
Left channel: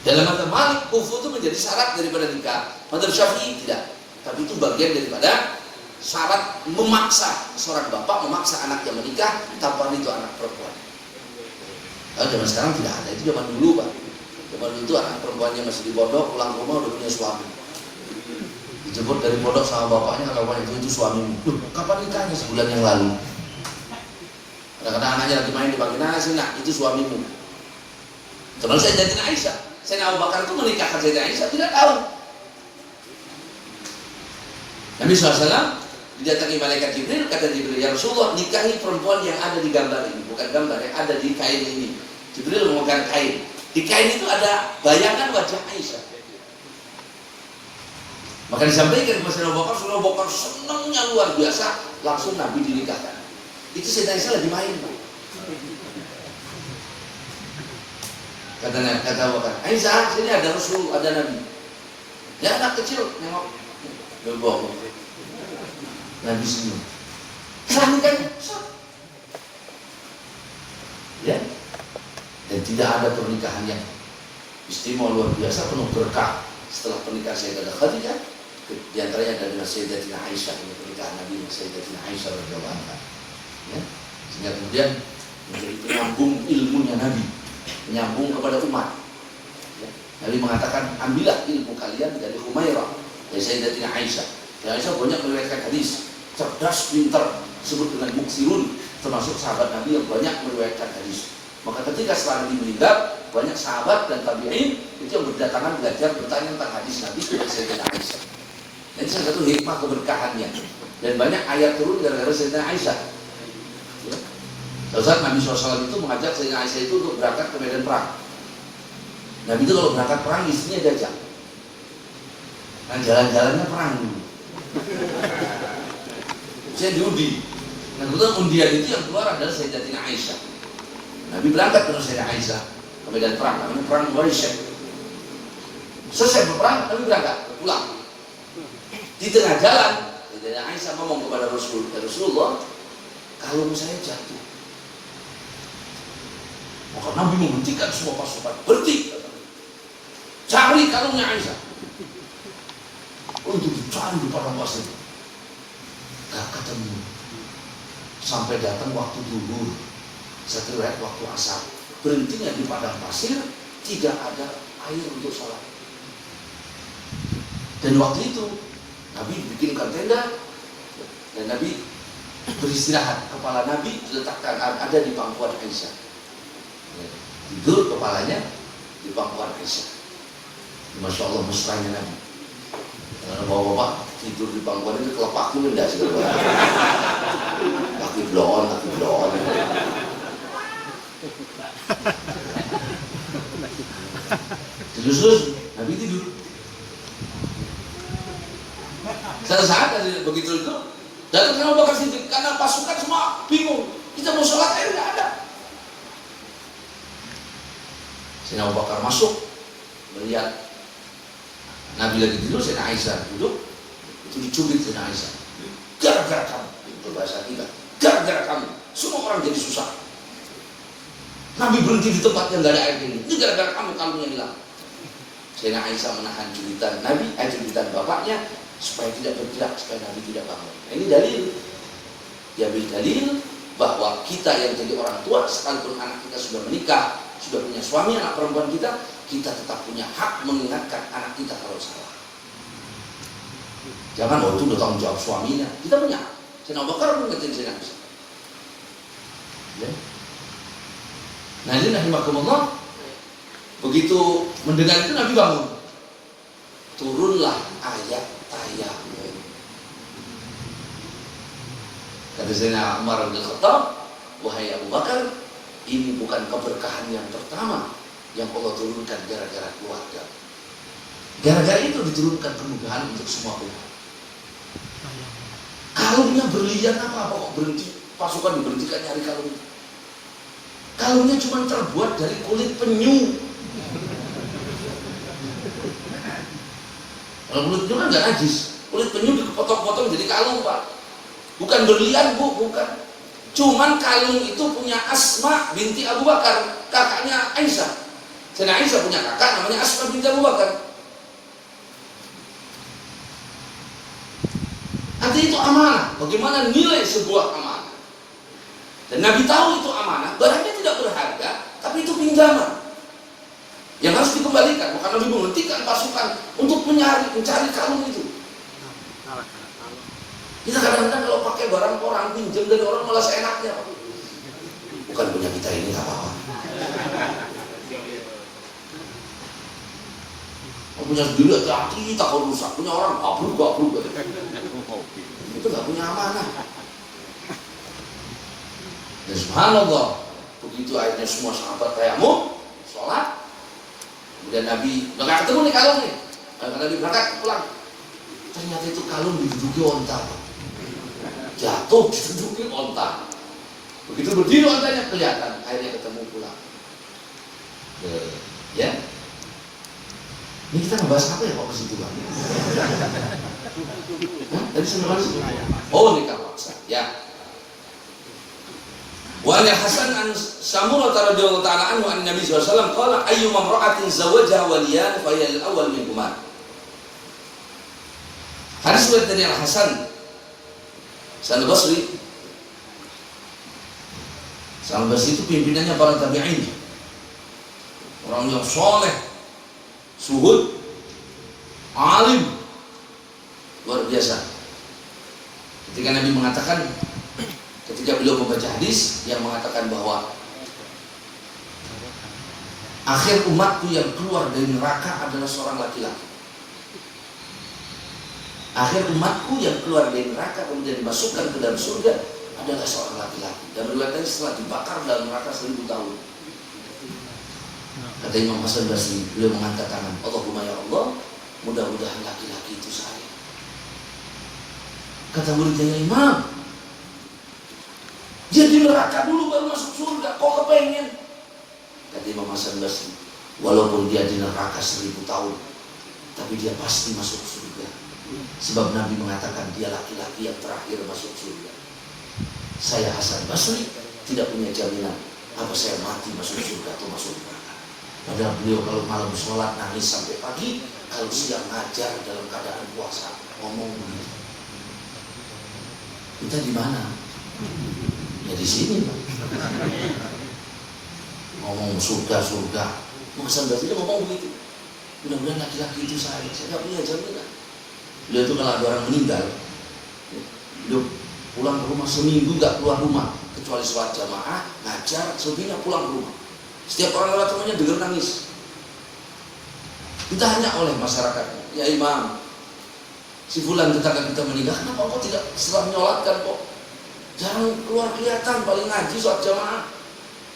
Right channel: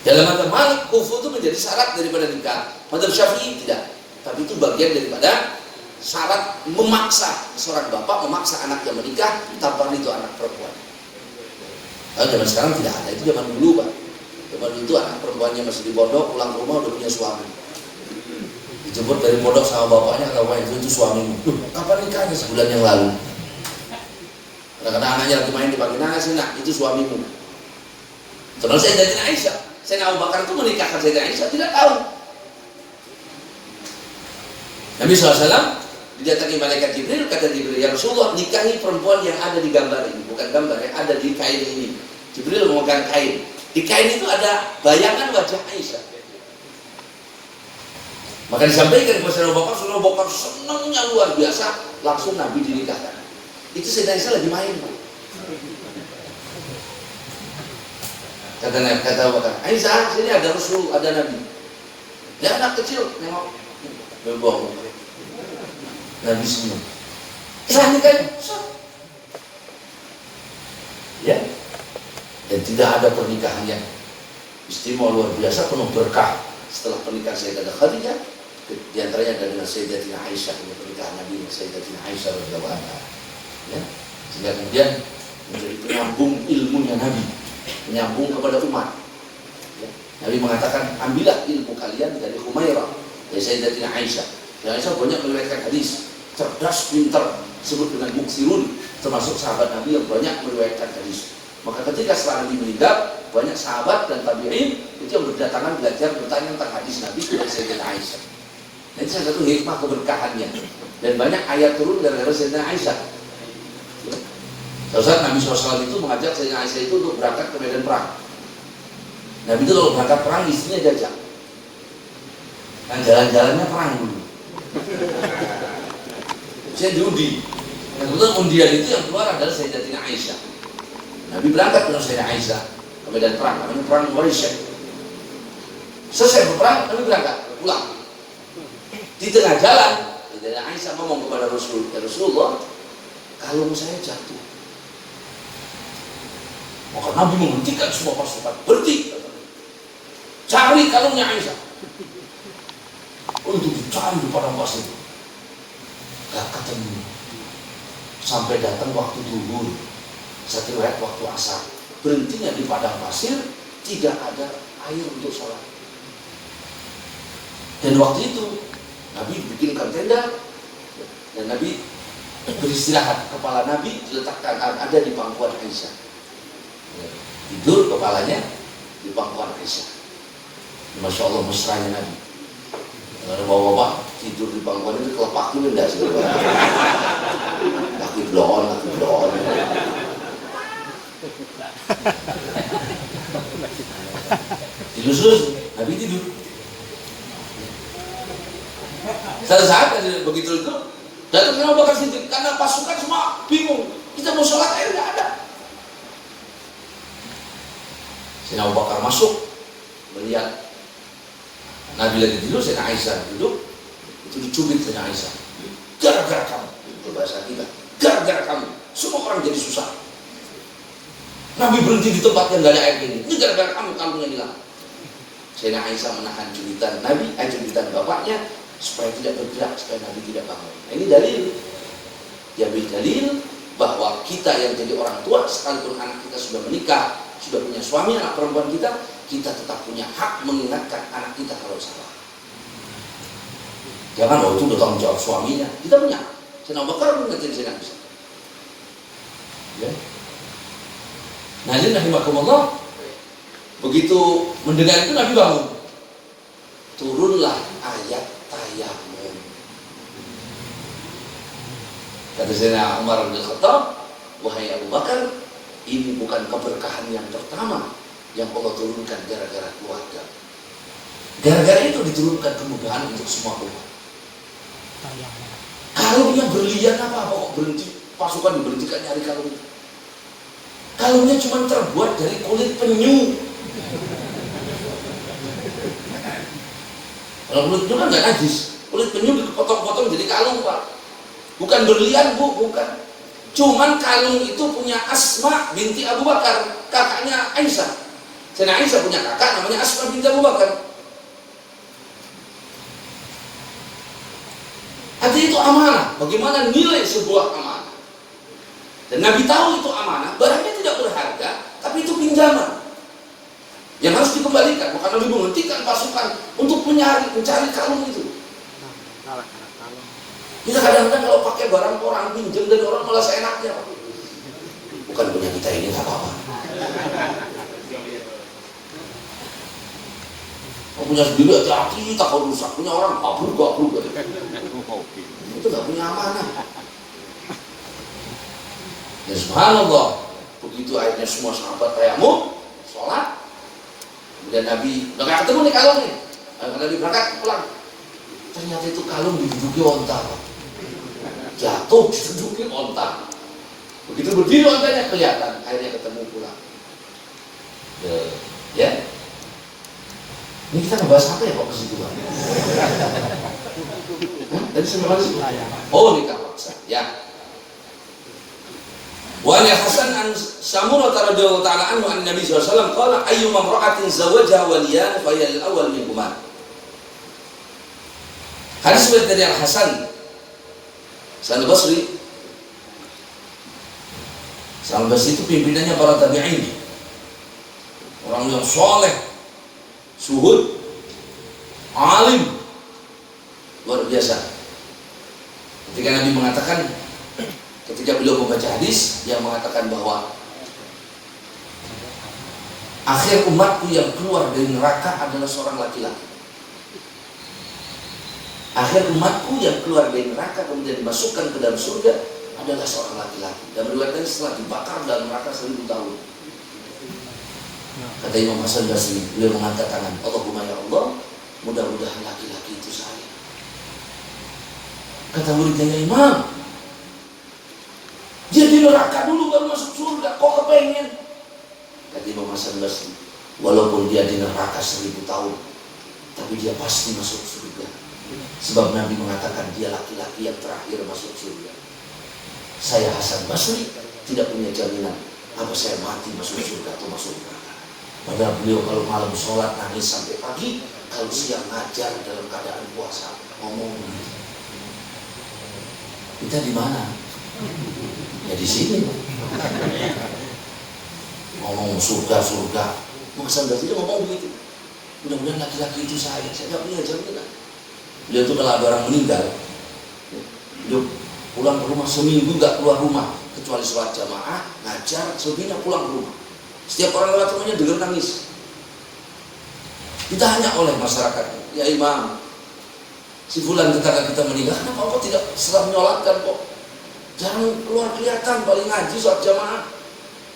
Dalam madzhab Malik, kufu itu menjadi syarat daripada nikah. Madzhab Syafi'i tidak. Tapi itu bagian daripada syarat memaksa seorang bapak memaksa anaknya menikah tanpa itu anak perempuan. Kalau zaman sekarang tidak ada, itu zaman dulu Pak. Zaman dulu itu anak perempuannya masih di pondok, pulang rumah udah punya suami. Dijemput dari pondok sama bapaknya, kalau itu suamimu. Kapan nikahnya? Sebulan yang lalu. Kadang-kadang anaknya lagi main dipanggil, nah sih nak, itu suamimu. Terus saya jadi Aisyah. Saya Abu Bakar itu menikahkan Sayyidah Aisyah, tidak tahu. Nabi SAW didatangi malaikat Jibril, kata Jibril, ya Rasulullah, nikahi perempuan yang ada di gambar ini, bukan gambar, yang ada di kain ini. Jibril memegang kain. Di kain itu ada bayangan wajah Aisyah. Maka disampaikan kepada Sayyidina Abu Bakar senangnya luar biasa, langsung Nabi dinikahkan. Itu Sayyidah Aisyah lagi main, Pak. Kata Abu Bakar, Aisyah, sini ada Rasul, ada Nabi. Dia anak kecil, nengok. Bebok. Nabi senang. Sah nikahnya, sah. Ya. Dan tidak ada pernikahan yang istimewa luar biasa, penuh berkah setelah pernikahan Sayyidah Khadijah. Di antaranya dengan Sayyidatina Aisyah, ini pernikahan Nabi dengan Sayyidatina Aisyah radhiyallahu anha. Ya. Sehingga kemudian menjadi penyambung ilmunya Nabi, menyambung kepada umat. Ya. Nabi mengatakan, ambillah ilmu kalian dari Humairah, dari Sayyidatina Aisyah. Dan Aisyah banyak meriwayatkan hadis, cerdas, pintar, disebut dengan muksirun, termasuk sahabat Nabi yang banyak meriwayatkan hadis. Maka ketika setelah Nabi meninggal, banyak sahabat dan tabi'in itu yang berdatangan belajar bertanya tentang hadis Nabi dari Sayyidatina Aisyah. Ini salah satu hikmah keberkahannya. Dan banyak ayat turun gara-gara Sayyidatina Aisyah. Ya. Saat Nabi SAW itu mengajak Sayyidatina Aisyah itu untuk berangkat ke medan perang. Nabi itu kalau berangkat perang istrinya jajak. Kan jalan-jalannya perang dulu. Saya diundi. Nah, kebetulan undian itu yang keluar adalah Sayyidatina Aisyah. Nabi berangkat dengan Sayyidatina Aisyah ke medan perang, namanya perang Quraisy. Selesai berperang, Nabi berangkat pulang. Di tengah jalan, Sayyidatina Aisyah ngomong kepada Rasulullah, kalung saya jatuh. Maka Nabi menghentikan semua pasukan, berhenti, cari kalungnya Aisyah. Untuk dicari di padang pasir, gak ketemu. Sampai datang waktu zuhur, satu riwayat waktu asar, berhentinya di padang pasir, tidak ada air untuk sholat. Dan waktu itu Nabi bikinkan tenda dan Nabi beristirahat. Kepala Nabi diletakkan ada di pangkuan Aisyah. Tidur kepalanya di pangkuan Aisyah. Masya Allah, mesranya Nabi. Bapak-bapak tidur di pangkuan ini kelepak ini enggak sih? Laki blon. Dilus-lus, Nabi tidur. Satu saat begitu itu datang Abu Bakar Siddiq karena pasukan semua bingung. Kita mau sholat air nggak ada. Sayyidina Abu Bakar masuk melihat Nabi lagi tidur, Sayyidina Aisyah duduk, itu dicubit Sayyidina Aisyah. Gara-gara kamu, itu bahasa kita. Gara-gara kamu, semua orang jadi susah. Nabi berhenti di tempat yang gak ada air ini. Ini gara-gara kamu kalungnya hilang. Sayyidina Aisyah menahan cubitan Nabi, cubitan bapaknya supaya tidak bergerak, supaya Nabi tidak bangun. Nah, ini dalil. Diambil dalil bahwa kita yang jadi orang tua, sekalipun anak kita sudah menikah, sudah punya suami, anak perempuan kita tetap punya hak mengingatkan anak kita kalau salah. Jangan, itu udah tanggung jawab suaminya. Kita punya hak. Sayyidina Abu Bakar mengingatkan Sayyidina Aisyah. Ya. Nah ini rahimakumullah, begitu mendengar itu Nabi bangun. Turunlah ayat tayamum. Kata Sayyidina Umar bin Khattab, wahai Abu Bakar, ini bukan keberkahan yang pertama yang Allah turunkan gara-gara keluarga. Gara-gara itu diturunkan kemudahan untuk semua umat. Kalungnya berlian apa kok berhenti? Pasukan diberhentikan nyari kalung. Kalungnya cuma terbuat dari kulit penyu. Kalau kulit penyu kan nggak najis. Kulit penyu dipotong-potong jadi kalung, Pak. Bukan berlian, Bu, bukan. Cuman kalung itu punya Asma binti Abu Bakar, kakaknya Aisyah. Sayyidina Aisyah punya kakak namanya Asma binti Abu Bakar. Artinya itu amanah. Bagaimana nilai sebuah amanah? Dan Nabi tahu itu amanah, barangnya tidak berharga, tapi itu pinjaman yang harus dikembalikan. Maka Nabi menghentikan pasukan untuk mencari kalung itu. Kita kadang-kadang kalau pakai barang orang, pinjam dari orang malah seenaknya. Bukan punya kita ini, nggak apa-apa. Punya sendiri hati-hati, takut rusak. Punya orang, abruk. Itu nggak punya amanah. Dan subhanallah, begitu akhirnya semua sahabat tayamum, sholat. Kemudian Nabi, udah ketemu nih kalung nih. Nabi berangkat pulang. Ternyata itu kalung diduduki onta. Jatuh diduduki onta. Begitu berdiri ontanya kelihatan, akhirnya ketemu pulang. Ya. Ini kita ngebahas apa ya kok ke situ kan? Tadi sampai mana sih? Oh, nikah paksa. Ya. Wa an Hasan an Samurah radhiyallahu ta'ala anhu an Nabi sallallahu alaihi wasallam qala ayyuma imra'atin zawajaha waliyan fa hiya al-awwal minhuma. Hadis dari Al Hasan Al-Basri. Al-Basri itu pimpinannya para tabi'in. Orang yang soleh, suhud, alim, luar biasa. Ketika Nabi mengatakan, ketika beliau membaca hadis yang mengatakan bahwa akhir umatku yang keluar dari neraka adalah seorang laki-laki. Akhir umatku yang keluar dari neraka kemudian dimasukkan ke dalam surga adalah seorang laki-laki. Dan beriwayatkan setelah dibakar dalam neraka 1000 tahun. Kata Imam Hasan Basri, beliau mengangkat tangan, Allahumma ya Allah, mudah-mudahan laki-laki itu saya. Kata muridnya, Imam, dia di neraka dulu baru masuk surga, kok kepengen? Kata Imam Hasan Basri, walaupun dia di neraka 1000 tahun, tapi dia pasti masuk surga. Sebab Nabi mengatakan dia laki-laki yang terakhir masuk surga. Saya Hasan Basri tidak punya jaminan apa saya mati masuk surga atau masuk neraka. Padahal beliau kalau malam sholat nangis sampai pagi, kalau siang ngajar dalam keadaan puasa, ngomong begitu. Kita di mana? Ya di sini. Ngomong surga. Hasan Basri dia ngomong begitu. Mudah-mudahan laki-laki itu saya nggak punya jaminan. Beliau itu kalau ada orang meninggal, beliau pulang ke rumah seminggu nggak keluar rumah kecuali sholat jamaah, ngajar, selebihnya pulang ke rumah. Setiap orang lewat rumahnya dengar nangis. Ditanya oleh masyarakat, ya Imam, si fulan ketika kita meninggal, kenapa kok tidak setelah menyolatkan kok? Jangan keluar kelihatan, paling ngaji sholat jamaah,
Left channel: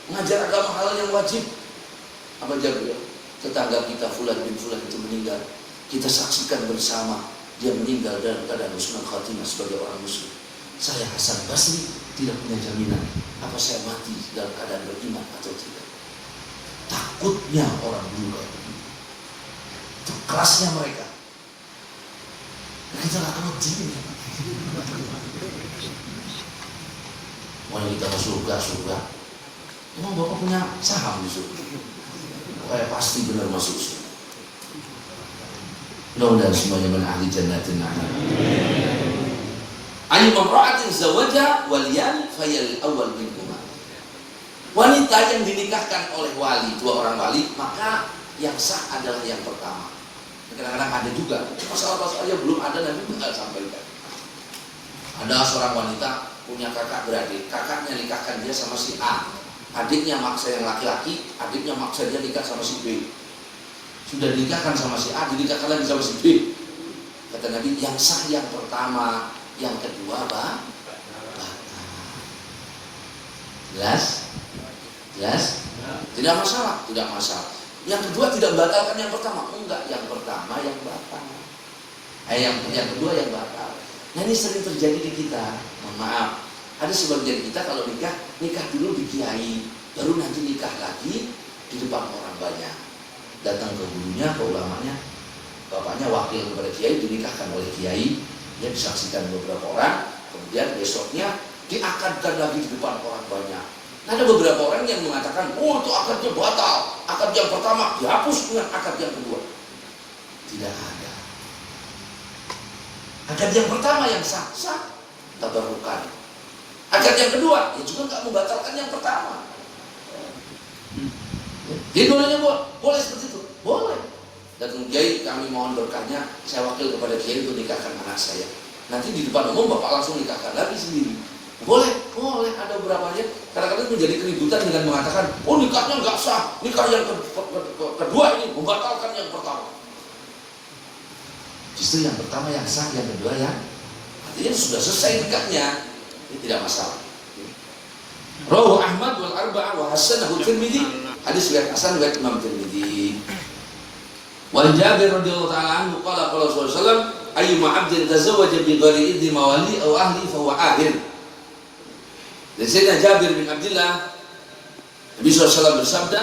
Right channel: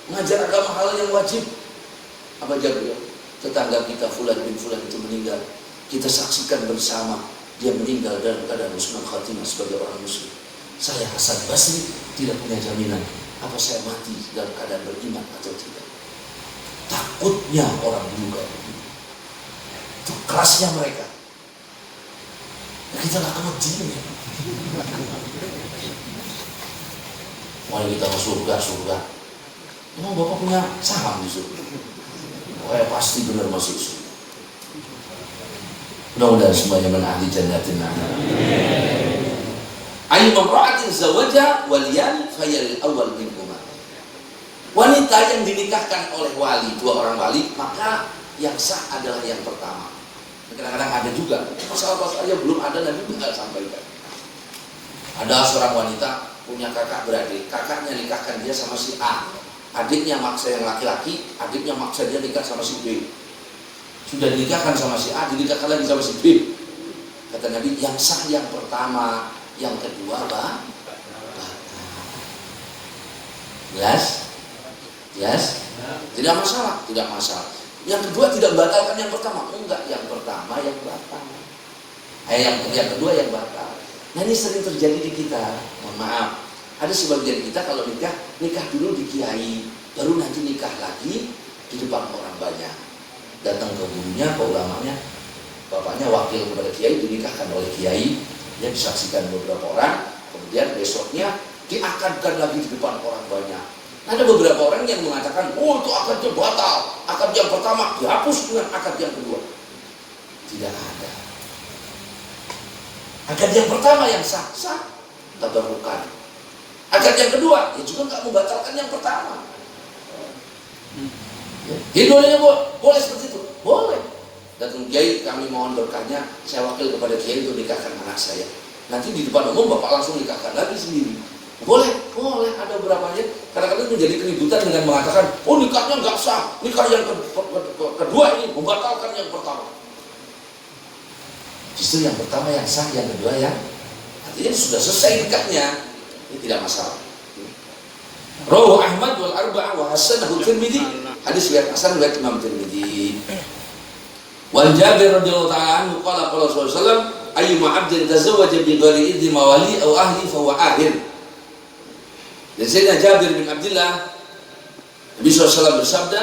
mengajar agama hal yang wajib. Apa jawab beliau? Tetangga kita fulan bin fulan itu meninggal, kita saksikan bersama. Dia meninggal dalam keadaan husnul khatimah sebagai orang muslim. Saya Hasan Basri tidak punya jaminan apa saya mati dalam keadaan beriman atau tidak. Takutnya orang dulu kayak begitu. Itu kelasnya mereka. Kita gak kemedin ya. Mau kita ke surga. Emang Bapak punya saham di surga? Pasti benar masuk surga. Mudah-mudahan semuanya min ahli jannatin na'im. Ayu mamra'atin zawaja waliyan fayal awal minhuma. Wanita yang dinikahkan oleh wali, dua orang wali, maka yang sah adalah yang pertama. Kadang-kadang ada juga pasal-pasal aja belum ada, Nabi tinggal sampaikan. Ada seorang wanita punya kakak beradik, kakaknya nikahkan dia sama si A, adiknya maksa yang laki-laki, adiknya maksa dia nikah sama si B. Sudah dinikahkan sama si A, dinikahkan lagi sama si B. Kata Nabi, yang sah yang pertama, yang kedua batal. Jelas? Tidak masalah. Yang kedua tidak membatalkan yang pertama. Enggak, yang pertama yang batal. Yang kedua yang batal. Nah ini sering terjadi di kita. Mohon maaf. Ada sebagian kita kalau nikah dulu di kiai, baru nanti nikah lagi di depan orang banyak. Datang ke gurunya, ke ulamanya, bapaknya wakil kepada kiai, dinikahkan oleh kiai, dia disaksikan beberapa orang, kemudian besoknya diakadkan lagi di depan orang banyak. Nah, ada beberapa orang yang mengatakan, oh itu akadnya batal, akad yang pertama dihapus dengan akad yang kedua. Tidak ada. Akad yang pertama yang sah, tabarukan. Akad yang kedua, ya juga nggak membatalkan yang pertama. Hidupnya boleh seperti itu, boleh. Datang kiai, kami mohon berkahnya, saya wakil kepada kiai untuk nikahkan anak saya. Nanti di depan umum bapak langsung nikahkan lagi sendiri. Boleh, ada beberapanya. Kadang-kadang menjadi keributan dengan mengatakan, oh nikahnya nggak sah, nikah yang kedua ini membatalkan yang pertama. Justru yang pertama yang sah, yang kedua yang artinya sudah selesai nikahnya, ini tidak masalah. Rawahu Ahmad wal Arba'ah wa hasanahu Tirmidzi, hadis riwayat Hasan riwayat Imam Tirmidzi. Wan Jabir radhiyallahu ta'ala anhu qala qala sallallahu alaihi wasallam ayyuma 'abdin tazawwaja bi ghairi idzni mawali aw ahli fa huwa ahir. Dan Sayyidina Jabir bin Abdullah, Nabi SAW bersabda,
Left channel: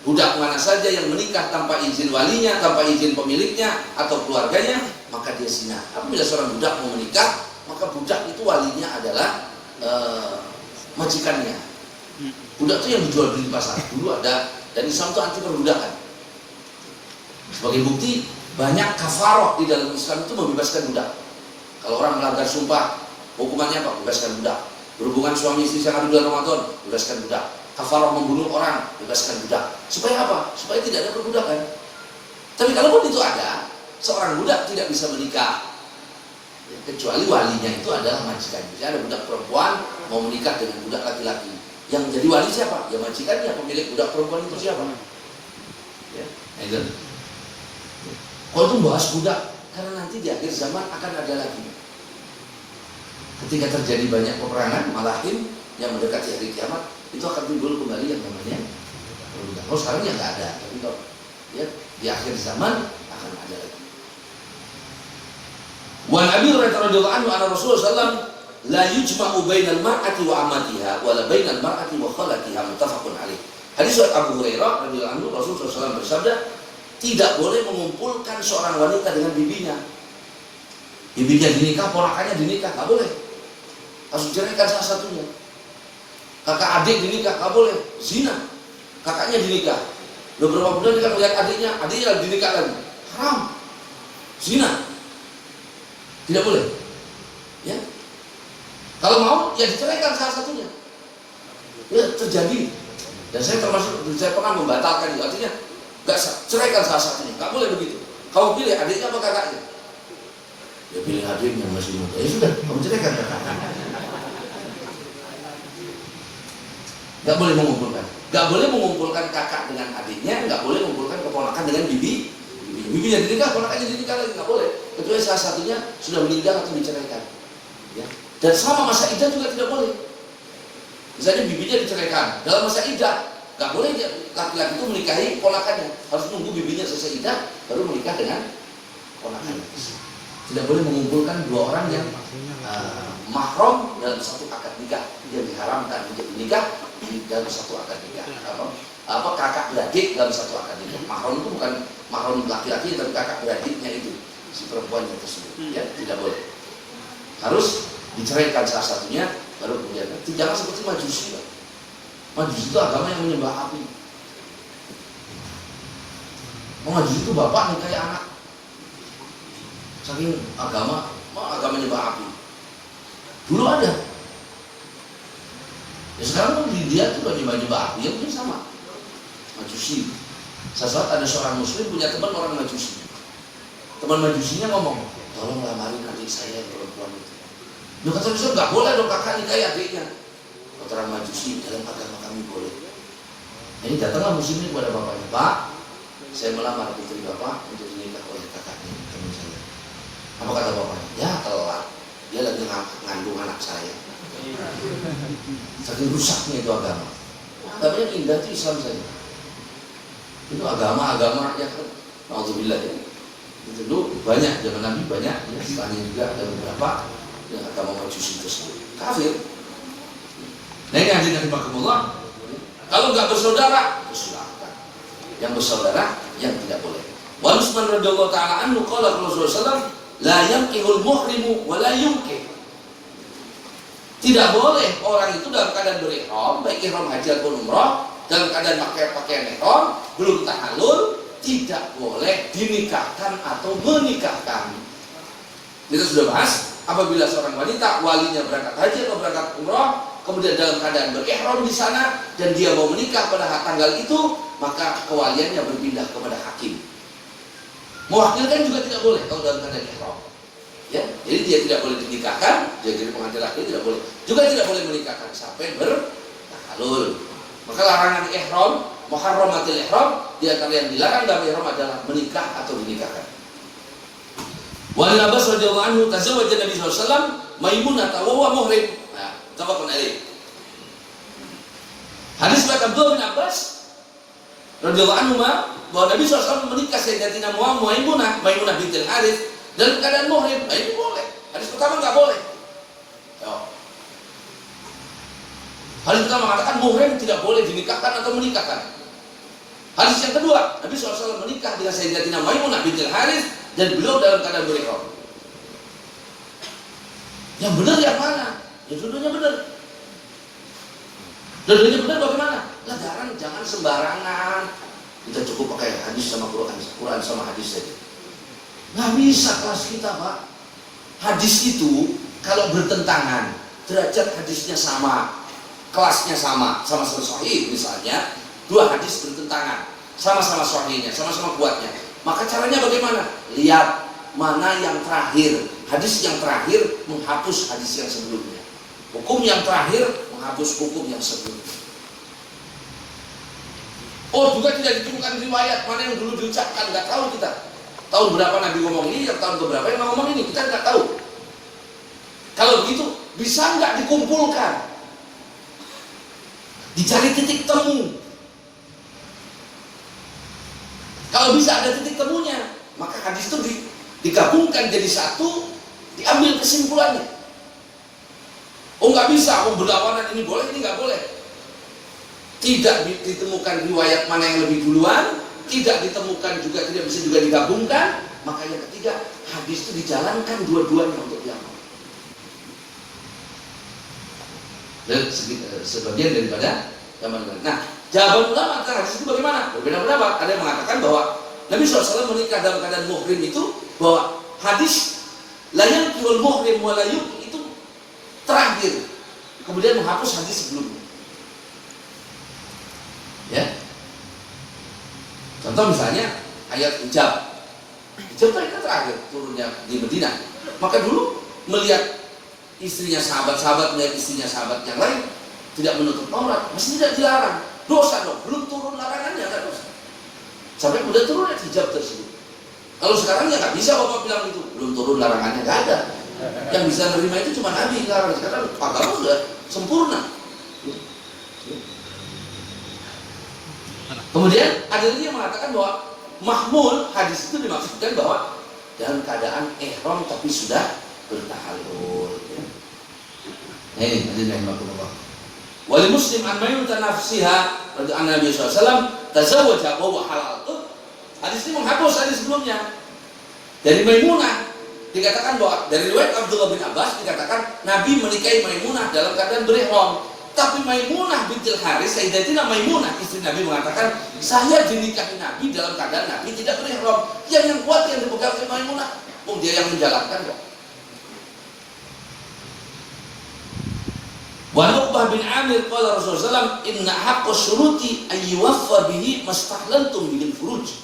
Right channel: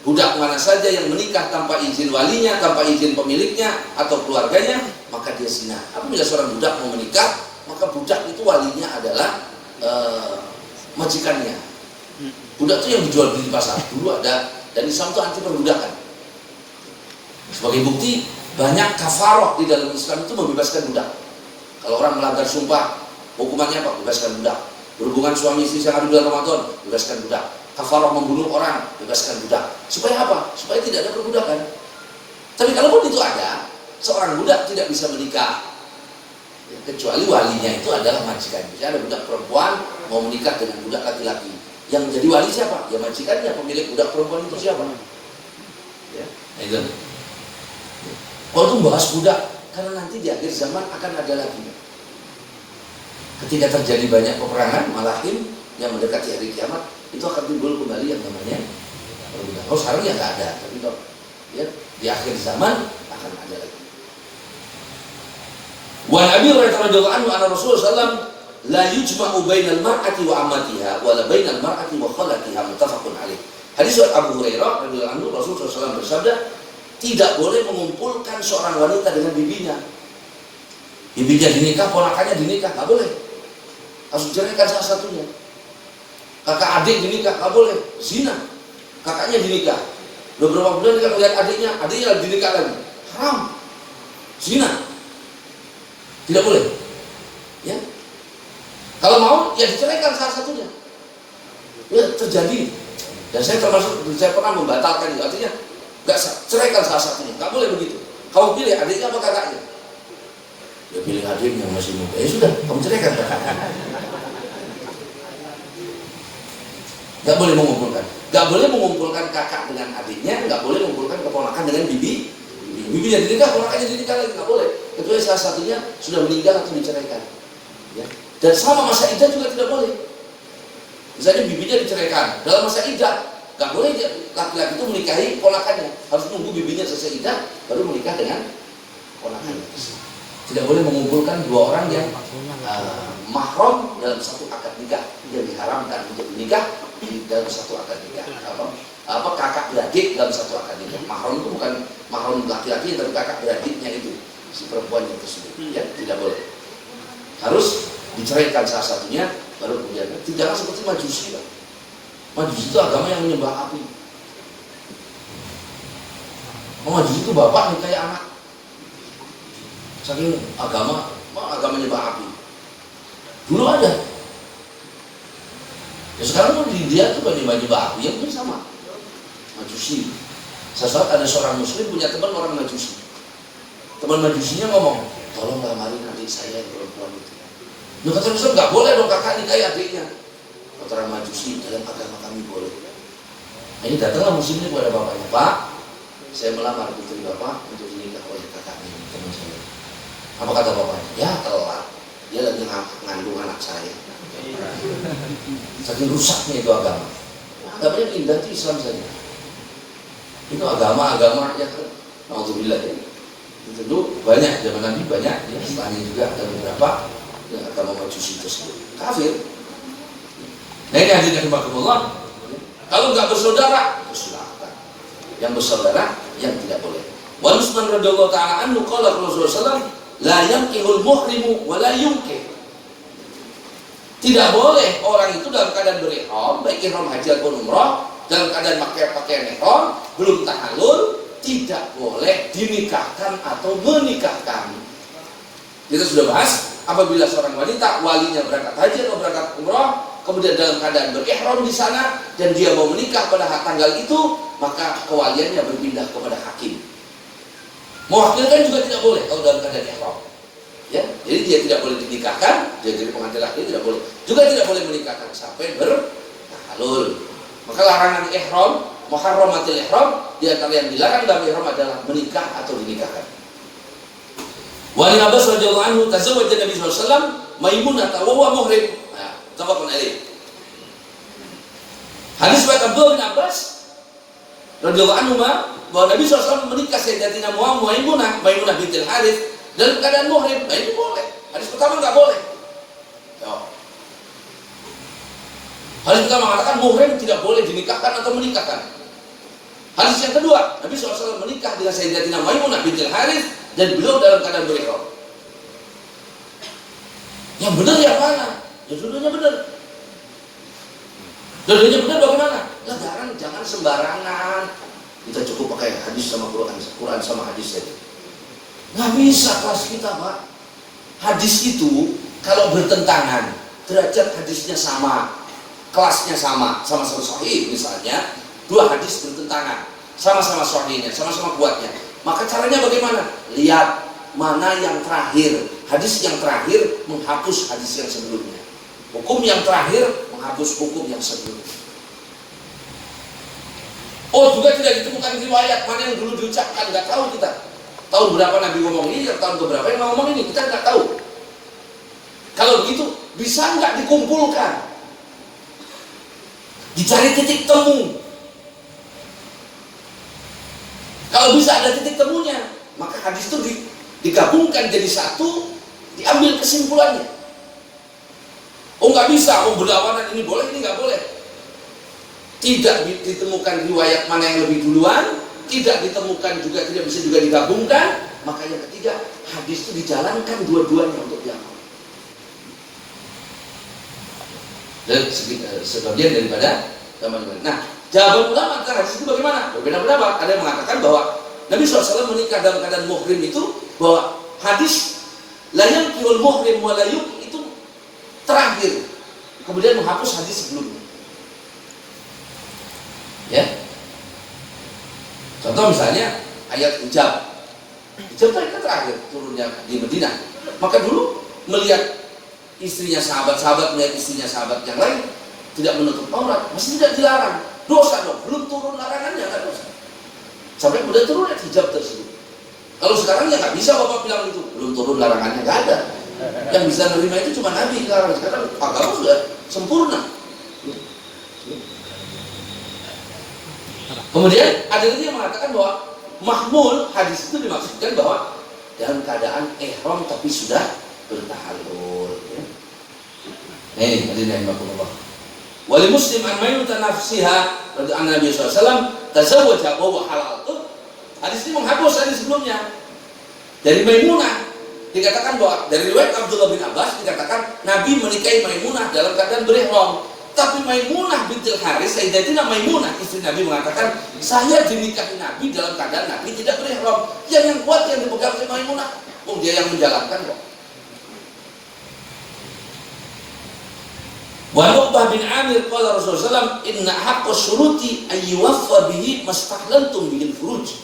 budak mana saja yang menikah tanpa izin walinya, tanpa izin pemiliknya atau keluarganya, maka dia zina. Apabila seorang budak mau menikah, maka budak itu walinya adalah majikannya. Budak itu yang dijual beli di pasar. Dulu ada, dan Islam itu anti perbudakan. Sebagai bukti, banyak kafaroh di dalam Islam itu membebaskan budak. Kalau orang melanggar sumpah, hukumannya apa? Bebaskan budak. Berhubungan suami istri yang ada bulan Ramadan, bebaskan budak. Kafalah membunuh orang, bebaskan budak. Supaya apa? Supaya tidak ada perbudakan. Tapi kalaupun itu ada, seorang budak tidak bisa menikah, ya, kecuali walinya itu adalah majikan. Jadi ada budak perempuan mau menikah dengan budak laki-laki, yang jadi wali siapa? Ya majikannya, pemilik budak perempuan itu siapa? Ya, itu. Kalau itu bahas budak, karena nanti di akhir zaman akan ada lagi. Ketika terjadi banyak peperangan, malahin yang mendekati hari kiamat, itu akan timbul kembali yang namanya perbudakan. Kalau sekarang ya nggak ada, tapi kalau ya, di akhir zaman akan ada lagi. Wan Abi Hurairah radhiyallahu anhu anna Rasulullah sallallahu alaihi wasallam la yujma'u bainal mar'ati wa amatiha wa la bainal mar'ati wa khalatiha, muttafaqun alaih. Hadis Abu Hurairah radhiyallahu anhu, Rasulullah SAW bersabda, tidak boleh mengumpulkan seorang wanita dengan bibinya. Bibinya dinikah, ponakannya dinikah, nggak boleh. Harus ceraikan salah satunya. Kakak adik dinikah, nggak boleh. Zina. Kakaknya dinikah. Beberapa bulan dia melihat adiknya lagi dinikah lagi. Haram. Zina. Tidak boleh. Ya. Kalau mau, ya diceraikan salah satunya. Ya terjadi. Dan saya pernah membatalkan itu. Artinya, nggak sah. Ceraikan salah satunya. Nggak boleh begitu. Kamu pilih adiknya apa kakaknya? Dia pilih adiknya masih muda. Ya sudah, kamu ceraikan kakaknya. Nggak boleh mengumpulkan. Nggak boleh mengumpulkan kakak dengan adiknya. Nggak boleh mengumpulkan keponakan dengan bibi. Bibi yang dinikah, ponakannya dinikah lagi. Nggak boleh. Kecuali salah satunya sudah meninggal atau diceraikan. Ya. Dan selama masa iddah juga tidak boleh. Misalnya bibinya diceraikan. Dalam masa iddah, nggak boleh laki-laki itu menikahi ponakannya. Harus nunggu bibinya selesai iddah, baru menikah dengan ponakannya. Tidak boleh mengumpulkan dua orang yang mahram dalam satu akad nikah, yang diharamkan menjadi nikah dalam satu akad nikah. kakak beradik dalam satu akad nikah. Mahram itu bukan mahram laki-laki, tapi kakak beradiknya itu si perempuan yang tersebut. Ya, tidak boleh. Harus diceraikan salah satunya, baru kemudian. Tidaklah seperti Majusi, Pak. Majusi itu agama yang menyembah api. Majusi itu bapak nikahi anak. Saking agama menyembah api. Dulu ada. Ya sekarang pun di India tuh menyembah api, yang pun sama. Majusi. Saat ada seorang muslim punya teman orang Majusi. Teman Majusinya ngomong, tolong lamarin adik saya yang perempuan itu. Nah, kata Islam nggak boleh dong kakak nikahi adiknya. Kata orang Majusi, dalam agama kami boleh. Nah, ini datanglah muslim ini kepada bapaknya, Pak, saya melamar putri bapak untuk dinikah oleh kakaknya, teman saya. Apa kata bapaknya? Ya telat, dia lagi ngandung anak saya. Saking rusaknya itu agama. Agamanya indah itu Islam saja. Itu agama-agama yang alhamdulillah ya. Itu banyak, zaman Nabi banyak, ya, setelah ini juga ada beberapa yang agama Majusi tersebut kafir. Nah ini hadirin rahimakumullah. Kalau nggak bersaudara, silakan. Yang bersaudara, yang tidak boleh. Wa Utsman radhiyallahu ta'ala anhu qala Rasulullah sallallahu la yanqihul muhrimu wa la yunkih. Tidak boleh orang itu dalam keadaan berihram, baik ihram haji ataupun umrah, dalam keadaan pakai pakaian ihram, belum tahallul, tidak boleh dinikahkan atau menikahkan. Kita sudah bahas, apabila seorang wanita walinya berangkat haji atau berangkat umrah, kemudian dalam keadaan berihram di sana dan dia mau menikah pada tanggal itu, maka kewaliannya berpindah kepada hakim. Mewakilkan juga tidak boleh kalau dalam keadaan ihram. Ya, jadi dia tidak boleh dinikahkan, dia jadi pengantin laki tidak boleh. Juga tidak boleh menikahkan sampai bertahalul. Maka larangan ihram, muharramatil ihram, di antara yang dilarang dalam ihram adalah menikah atau dinikahkan. Wa Ibnu Abbas radhiyallahu anhu tazawwaja Nabi sallallahu alaihi wasallam Maimunah wa huwa muhrim. Nah, tafaqun alaih. Hadis riwayat Abdullah bin Abbas radhiyallahu anhu bahwa Nabi SAW menikah Sayyidatina Maimunah bintil Harits dalam keadaan muhrim. Nah, itu boleh. Hadis pertama nggak boleh. Hadis pertama mengatakan muhrim tidak boleh dinikahkan atau menikahkan. Hadis yang kedua, Nabi SAW menikah dengan Sayyidatina Maimunah bintil Harits dan beliau dalam keadaan berihram. Yang benar yang mana? Ya dua-duanya benar. Dua-duanya benar bagaimana? Lah jangan sembarangan. Kita cukup pakai hadis sama Quran sama hadis saja. Nggak bisa kelas kita, Pak. Hadis itu kalau bertentangan, derajat hadisnya sama, kelasnya sama-sama sahih misalnya, dua hadis bertentangan, sama-sama sahihnya, sama-sama kuatnya. Maka caranya bagaimana? Lihat mana yang terakhir. Hadis yang terakhir menghapus hadis yang sebelumnya. Hukum yang terakhir menghapus hukum yang sebelumnya. Oh, juga tidak ditemukan riwayat mana yang dulu diucapkan, nggak tahu kita. Tahun berapa Nabi ngomong ini, tahun berapa yang ngomong ini, kita nggak tahu. Kalau begitu, bisa nggak dikumpulkan? Dicari titik temu. Kalau bisa ada titik temunya, maka hadis itu digabungkan jadi satu, diambil kesimpulannya. Oh nggak bisa, berlawanan ini boleh, ini nggak boleh. Tidak ditemukan riwayat mana yang lebih duluan, tidak ditemukan juga, tidak bisa juga digabungkan, maka yang ketiga, hadis itu dijalankan dua-duanya untuk diamal. Dan sebagian daripada gambaran. Nah, jawaban ulama tentang hadis itu bagaimana? Berbeda pendapat. Ada yang mengatakan bahwa Nabi SAW menikah dalam keadaan muhrim itu, bahwa hadis la yanqihul muhrim wa la yunkih itu terakhir, kemudian menghapus hadis sebelumnya. Ya. Contoh misalnya ayat hijab. Hijab kan terakhir turunnya di Madinah. Maka dulu melihat istrinya sahabat-sahabat, melihat istrinya sahabat yang lain tidak menutup aurat, masih tidak dilarang. Dosa dong, belum turun larangannya, nggak dosa. Sampai kemudian turun hijab tersebut. Kalau sekarang ya nggak bisa bapak bilang itu, belum turun larangannya, nggak ada. Yang bisa menerima itu cuma Nabi. Sekarang agama sudah sempurna. Kemudian ada lagi yang mengatakan bahwa mahmul hadis itu dimaksudkan bahwa dalam keadaan ihram tapi sudah bertahallul. Nah ini hadirin rahimakumullah. Wali Muslim an Maimunah nafsiha radhiyallahu Nabi SAW tazawwaja wa huwa halal. Hadis ini menghapus hadis sebelumnya. Dari Maimunah dikatakan bahwa dari riwayat Abdullah bin Abbas dikatakan Nabi menikahi Maimunah dalam keadaan berihram. Tapi Maimunah bintul Haris, Sayyidatina Maimunah istri Nabi mengatakan, saya dinikahi Nabi dalam keadaan Nabi tidak berihram. Yang kuat yang dipegang oleh Maimunah. Dia yang menjalankan kok. Wa Uqbah bin Amir qala Rasulullah SAW, inna haqqa syuruti ayyuwaffa bihi mastahlaltum bil furuj.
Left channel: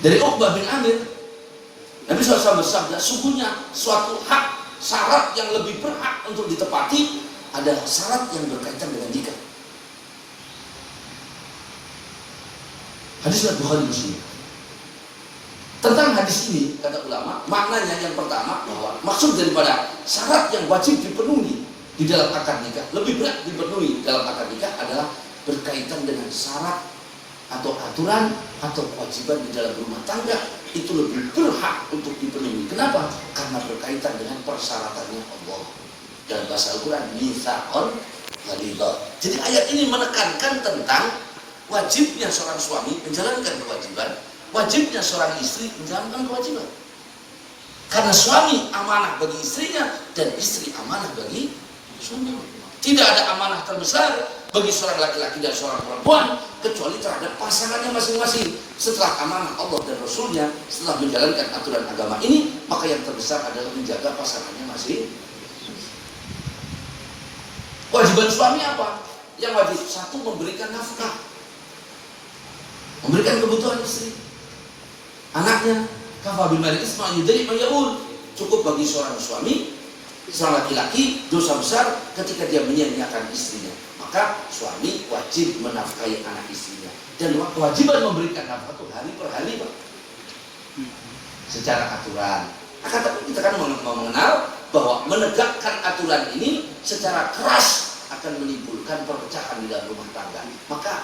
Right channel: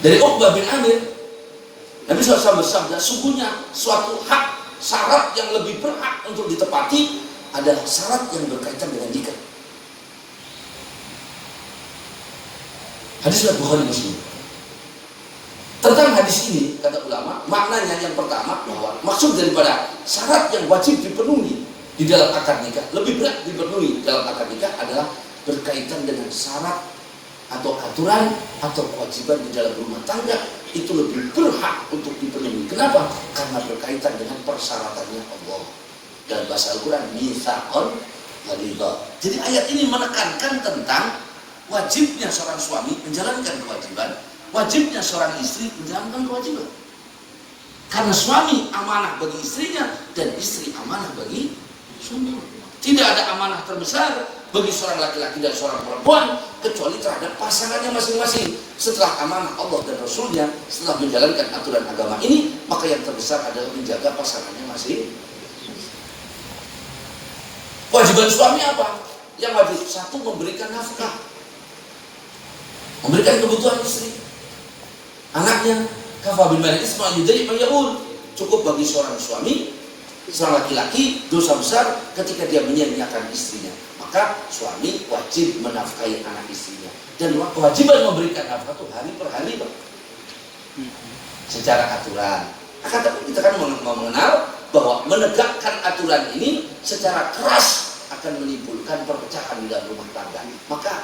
Dari Uqbah bin Amir, Nabi SAW bersabda, sungguhnya suatu hak, syarat yang lebih berhak untuk ditepati adalah syarat yang berkaitan dengan nikah. Hadis riwayat Bukhari Muslim. Tentang hadis ini, kata ulama, maknanya yang pertama bahwa maksud daripada syarat yang wajib dipenuhi di dalam akad nikah, lebih berat dipenuhi dalam akad nikah adalah berkaitan dengan syarat atau aturan atau kewajiban di dalam rumah tangga, itu lebih berhak untuk dipenuhi. Kenapa? Karena berkaitan dengan persyaratannya Allah. Dalam bahasa Al-Quran, mitsaqan ghalidha. Jadi ayat ini menekankan tentang wajibnya seorang suami menjalankan kewajiban, wajibnya seorang istri menjalankan kewajiban. Karena suami amanah bagi istrinya dan istri amanah bagi suami. Tidak ada amanah terbesar bagi seorang laki-laki dan seorang perempuan kecuali terhadap pasangannya masing-masing. Setelah amanah Allah dan Rasulnya, setelah menjalankan aturan agama ini, maka yang terbesar adalah menjaga pasangannya masing. Kewajiban suami apa? Yang wajib satu, memberikan nafkah, memberikan kebutuhan istri, anaknya. Kafa bil mar'i isma yudri man yaqul. Cukup bagi seorang suami, seorang laki-laki, dosa besar ketika dia menyia-nyiakan istrinya. Maka suami wajib menafkahi anak istrinya. Dan kewajiban memberikan nafkah itu hari per hari, Pak. Secara aturan. Akan tapi kita kan mengenal bahwa menegakkan aturan ini secara keras akan menimbulkan perpecahan di dalam rumah tangga. Maka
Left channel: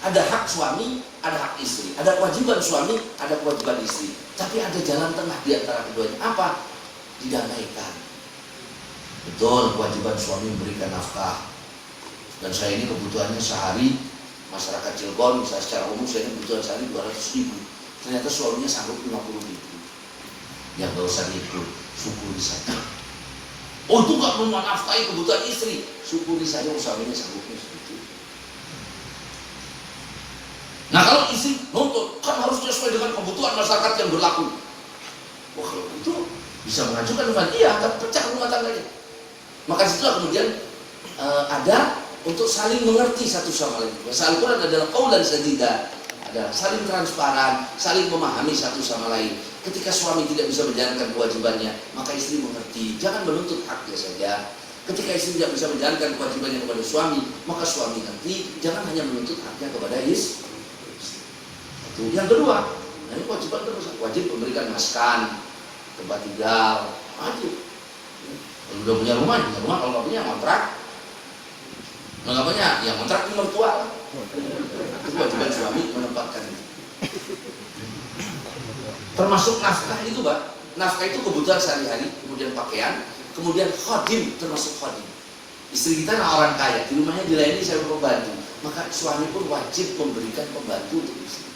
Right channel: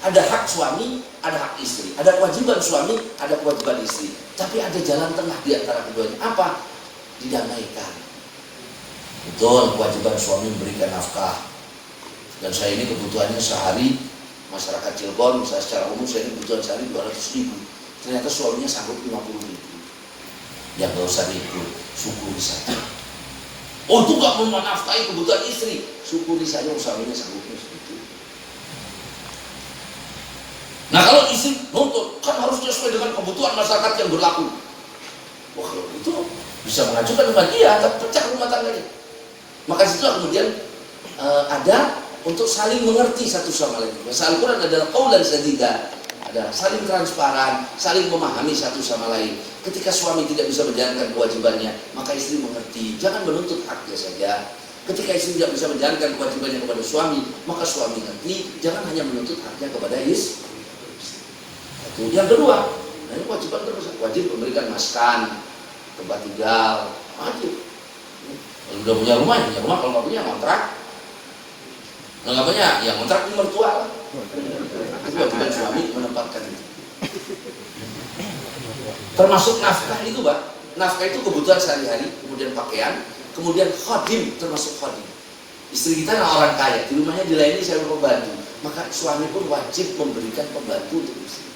ada hak suami, ada hak istri. Ada kewajiban suami, ada kewajiban istri. Tapi ada jalan tengah di antara keduanya. Apa? Didamaikan. Betul, kewajiban suami memberikan nafkah. Dan saya ini kebutuhannya sehari, masyarakat Cilegon, saya secara umum saya ini kebutuhan sehari 200.000. Ternyata suaminya sanggup 50.000. Ya gak usah diikut, syukuri saja. Oh itu gak menafkahi kebutuhan istri, syukuri saja suaminya sanggupnya segitu. Nah kalau istri nuntut, kan harusnya sesuai dengan kebutuhan masyarakat yang berlaku. Wah kalau itu bisa mengajukan rumah dia, tapi pecah rumah tangganya. Maka situlah kemudian ada untuk saling mengerti satu sama lain. Bahasa Al-Quran adalah qaulan sadida, ada saling transparan, saling memahami satu sama lain. Ketika suami tidak bisa menjalankan kewajibannya, maka istri mengerti. Jangan menuntut haknya saja. Ketika istri tidak bisa menjalankan kewajibannya kepada suami, maka suami mengerti. Jangan hanya menuntut haknya kepada istri. Yang kedua, nah ini kewajiban terbesar, wajib memberikan maskan, tempat tinggal, wajib. Kalau udah punya rumah, ya punya rumah. Kalau nggak punya, kontrak. Kalau nggak punya, ya kontrak di mertua. Itu kewajiban suami menempatkan itu. Termasuk nafkah itu, Pak. Nafkah itu kebutuhan sehari-hari, kemudian pakaian, kemudian khadim, termasuk khadim. Istri kita orang kaya, di rumahnya dilayani saya pembantu, maka suami pun wajib memberikan pembantu untuk istri.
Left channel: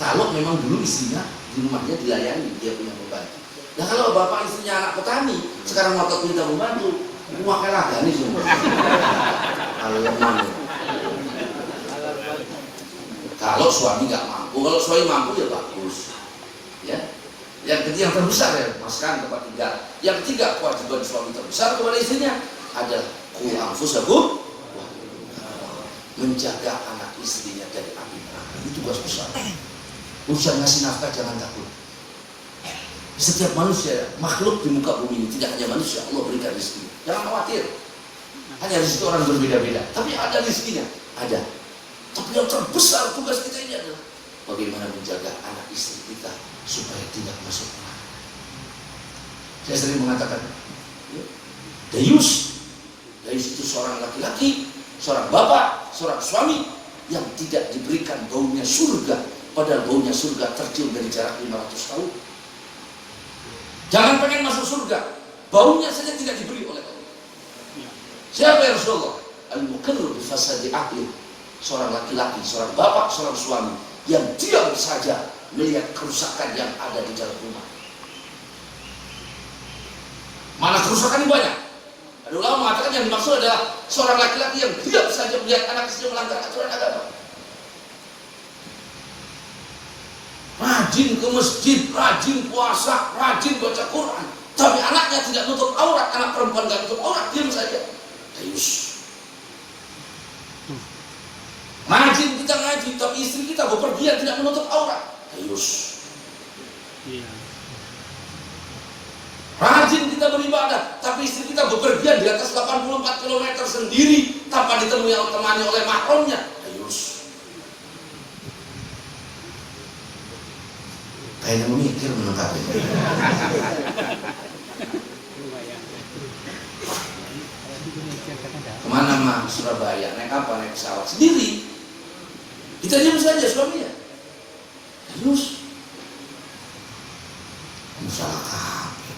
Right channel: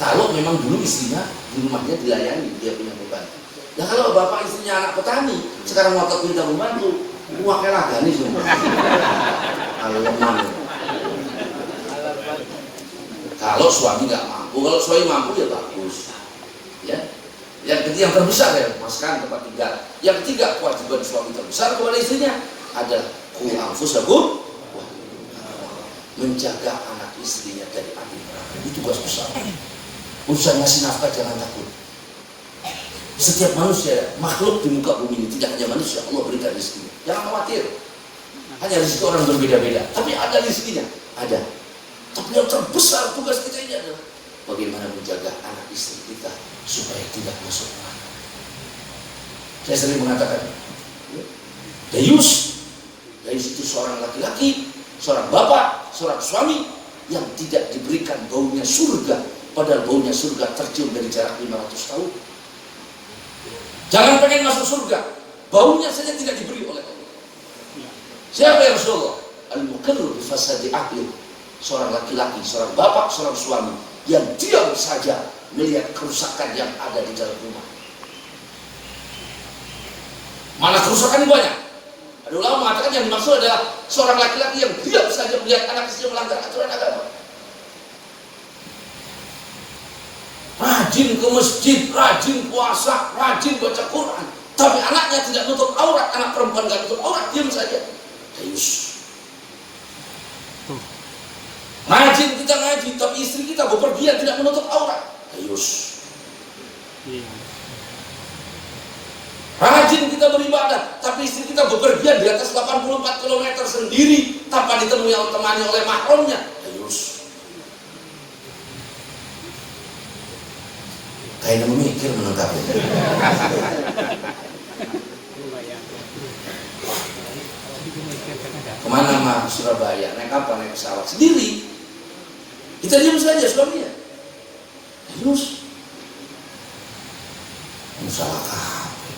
Kalau memang dulu istrinya di rumahnya dilayani, dia punya pembantu. Nah kalau bapak istrinya anak petani, sekarang mau minta pembantu, rumahnya lagani semua. Kalau yang mana? Kalau suami nggak mampu, kalau suami mampu ya bagus. Ya. Yang terbesar ya maskan tempat tinggal. Yang ketiga kewajiban suami terbesar kepada istrinya adalah qu anfusakum, menjaga anak istrinya dari api neraka. Itu tugas besar. Urusan ngasih nafkah jangan takut. Setiap manusia, makhluk di muka bumi ini, tidak hanya manusia, Allah berikan rezeki. Jangan khawatir. Hanya rezeki orang berbeda-beda. Tapi ada rezekinya, ada. Tapi yang terbesar tugas kita ini adalah bagaimana menjaga anak istri kita supaya tidak masuk neraka. Saya sering mengatakan, Dayus itu seorang laki-laki, seorang bapak, seorang suami yang tidak diberikan baunya surga, padahal baunya surga tercium dari jarak 500 tahun. Jangan pengen masuk surga, baunya saja tidak diberi oleh Allah. Siapa yang Rasulullah? Al-muqirru bi fasadi aqli. Seorang laki-laki, seorang bapak, seorang suami yang diam saja melihat kerusakan yang ada di dalam rumah. Mana kerusakan banyak? Ada ulama mengatakan yang dimaksud adalah seorang laki-laki yang diam saja melihat anak istrinya melanggar aturan agama. Rajin ke masjid, rajin puasa, rajin baca Quran, tapi anaknya tidak nutup aurat, anak perempuan tidak nutup aurat, diam saja. Hayus. Rajin kita ngaji, tapi istri kita bepergian tidak menutup aurat. Hayus. Rajin kita beribadah, tapi istri kita bepergian di atas 84 km sendiri tanpa ditemui oleh mahramnya. Hayus. Kayaknya memikir menangkapnya. Kemana mah? Surabaya, naik apa? Naik pesawat sendiri. Kita diam saja suaminya. Terus salah kape.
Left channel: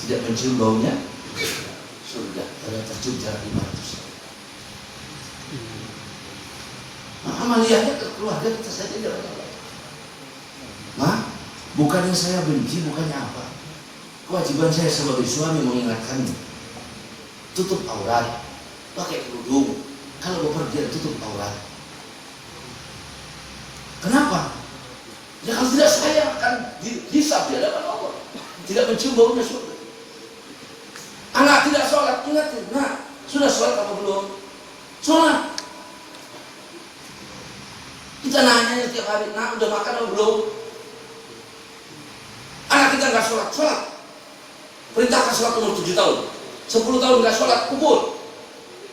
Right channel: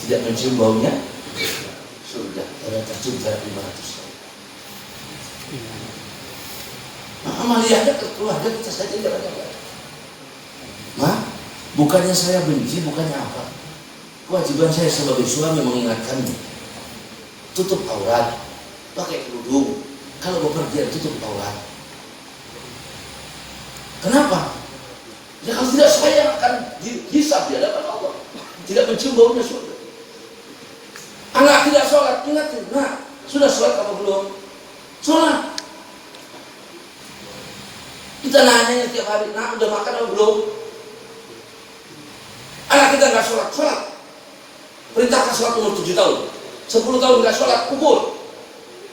Tidak mencium baunya surga, ada tercium jarak 500 tahun. Amaliyahnya ke keluarga kita saja tidak ada. Ma, bukannya saya benci, bukannya apa. Kewajiban saya sebagai suami mengingatkannya. Tutup aurat, pakai kerudung. Kalau bepergian tutup aurat. Kenapa? Ya kalau tidak saya akan dihisab di hadapan Allah. Tidak mencium baunya surga. Anak tidak sholat, ingatin. Nah, sudah sholat apa belum? Sholat. Kita nanya setiap hari, nah udah makan apa belum? Anak kita nggak sholat, sholat. Perintahkan sholat umur 7 tahun. 10 tahun nggak sholat, kubur.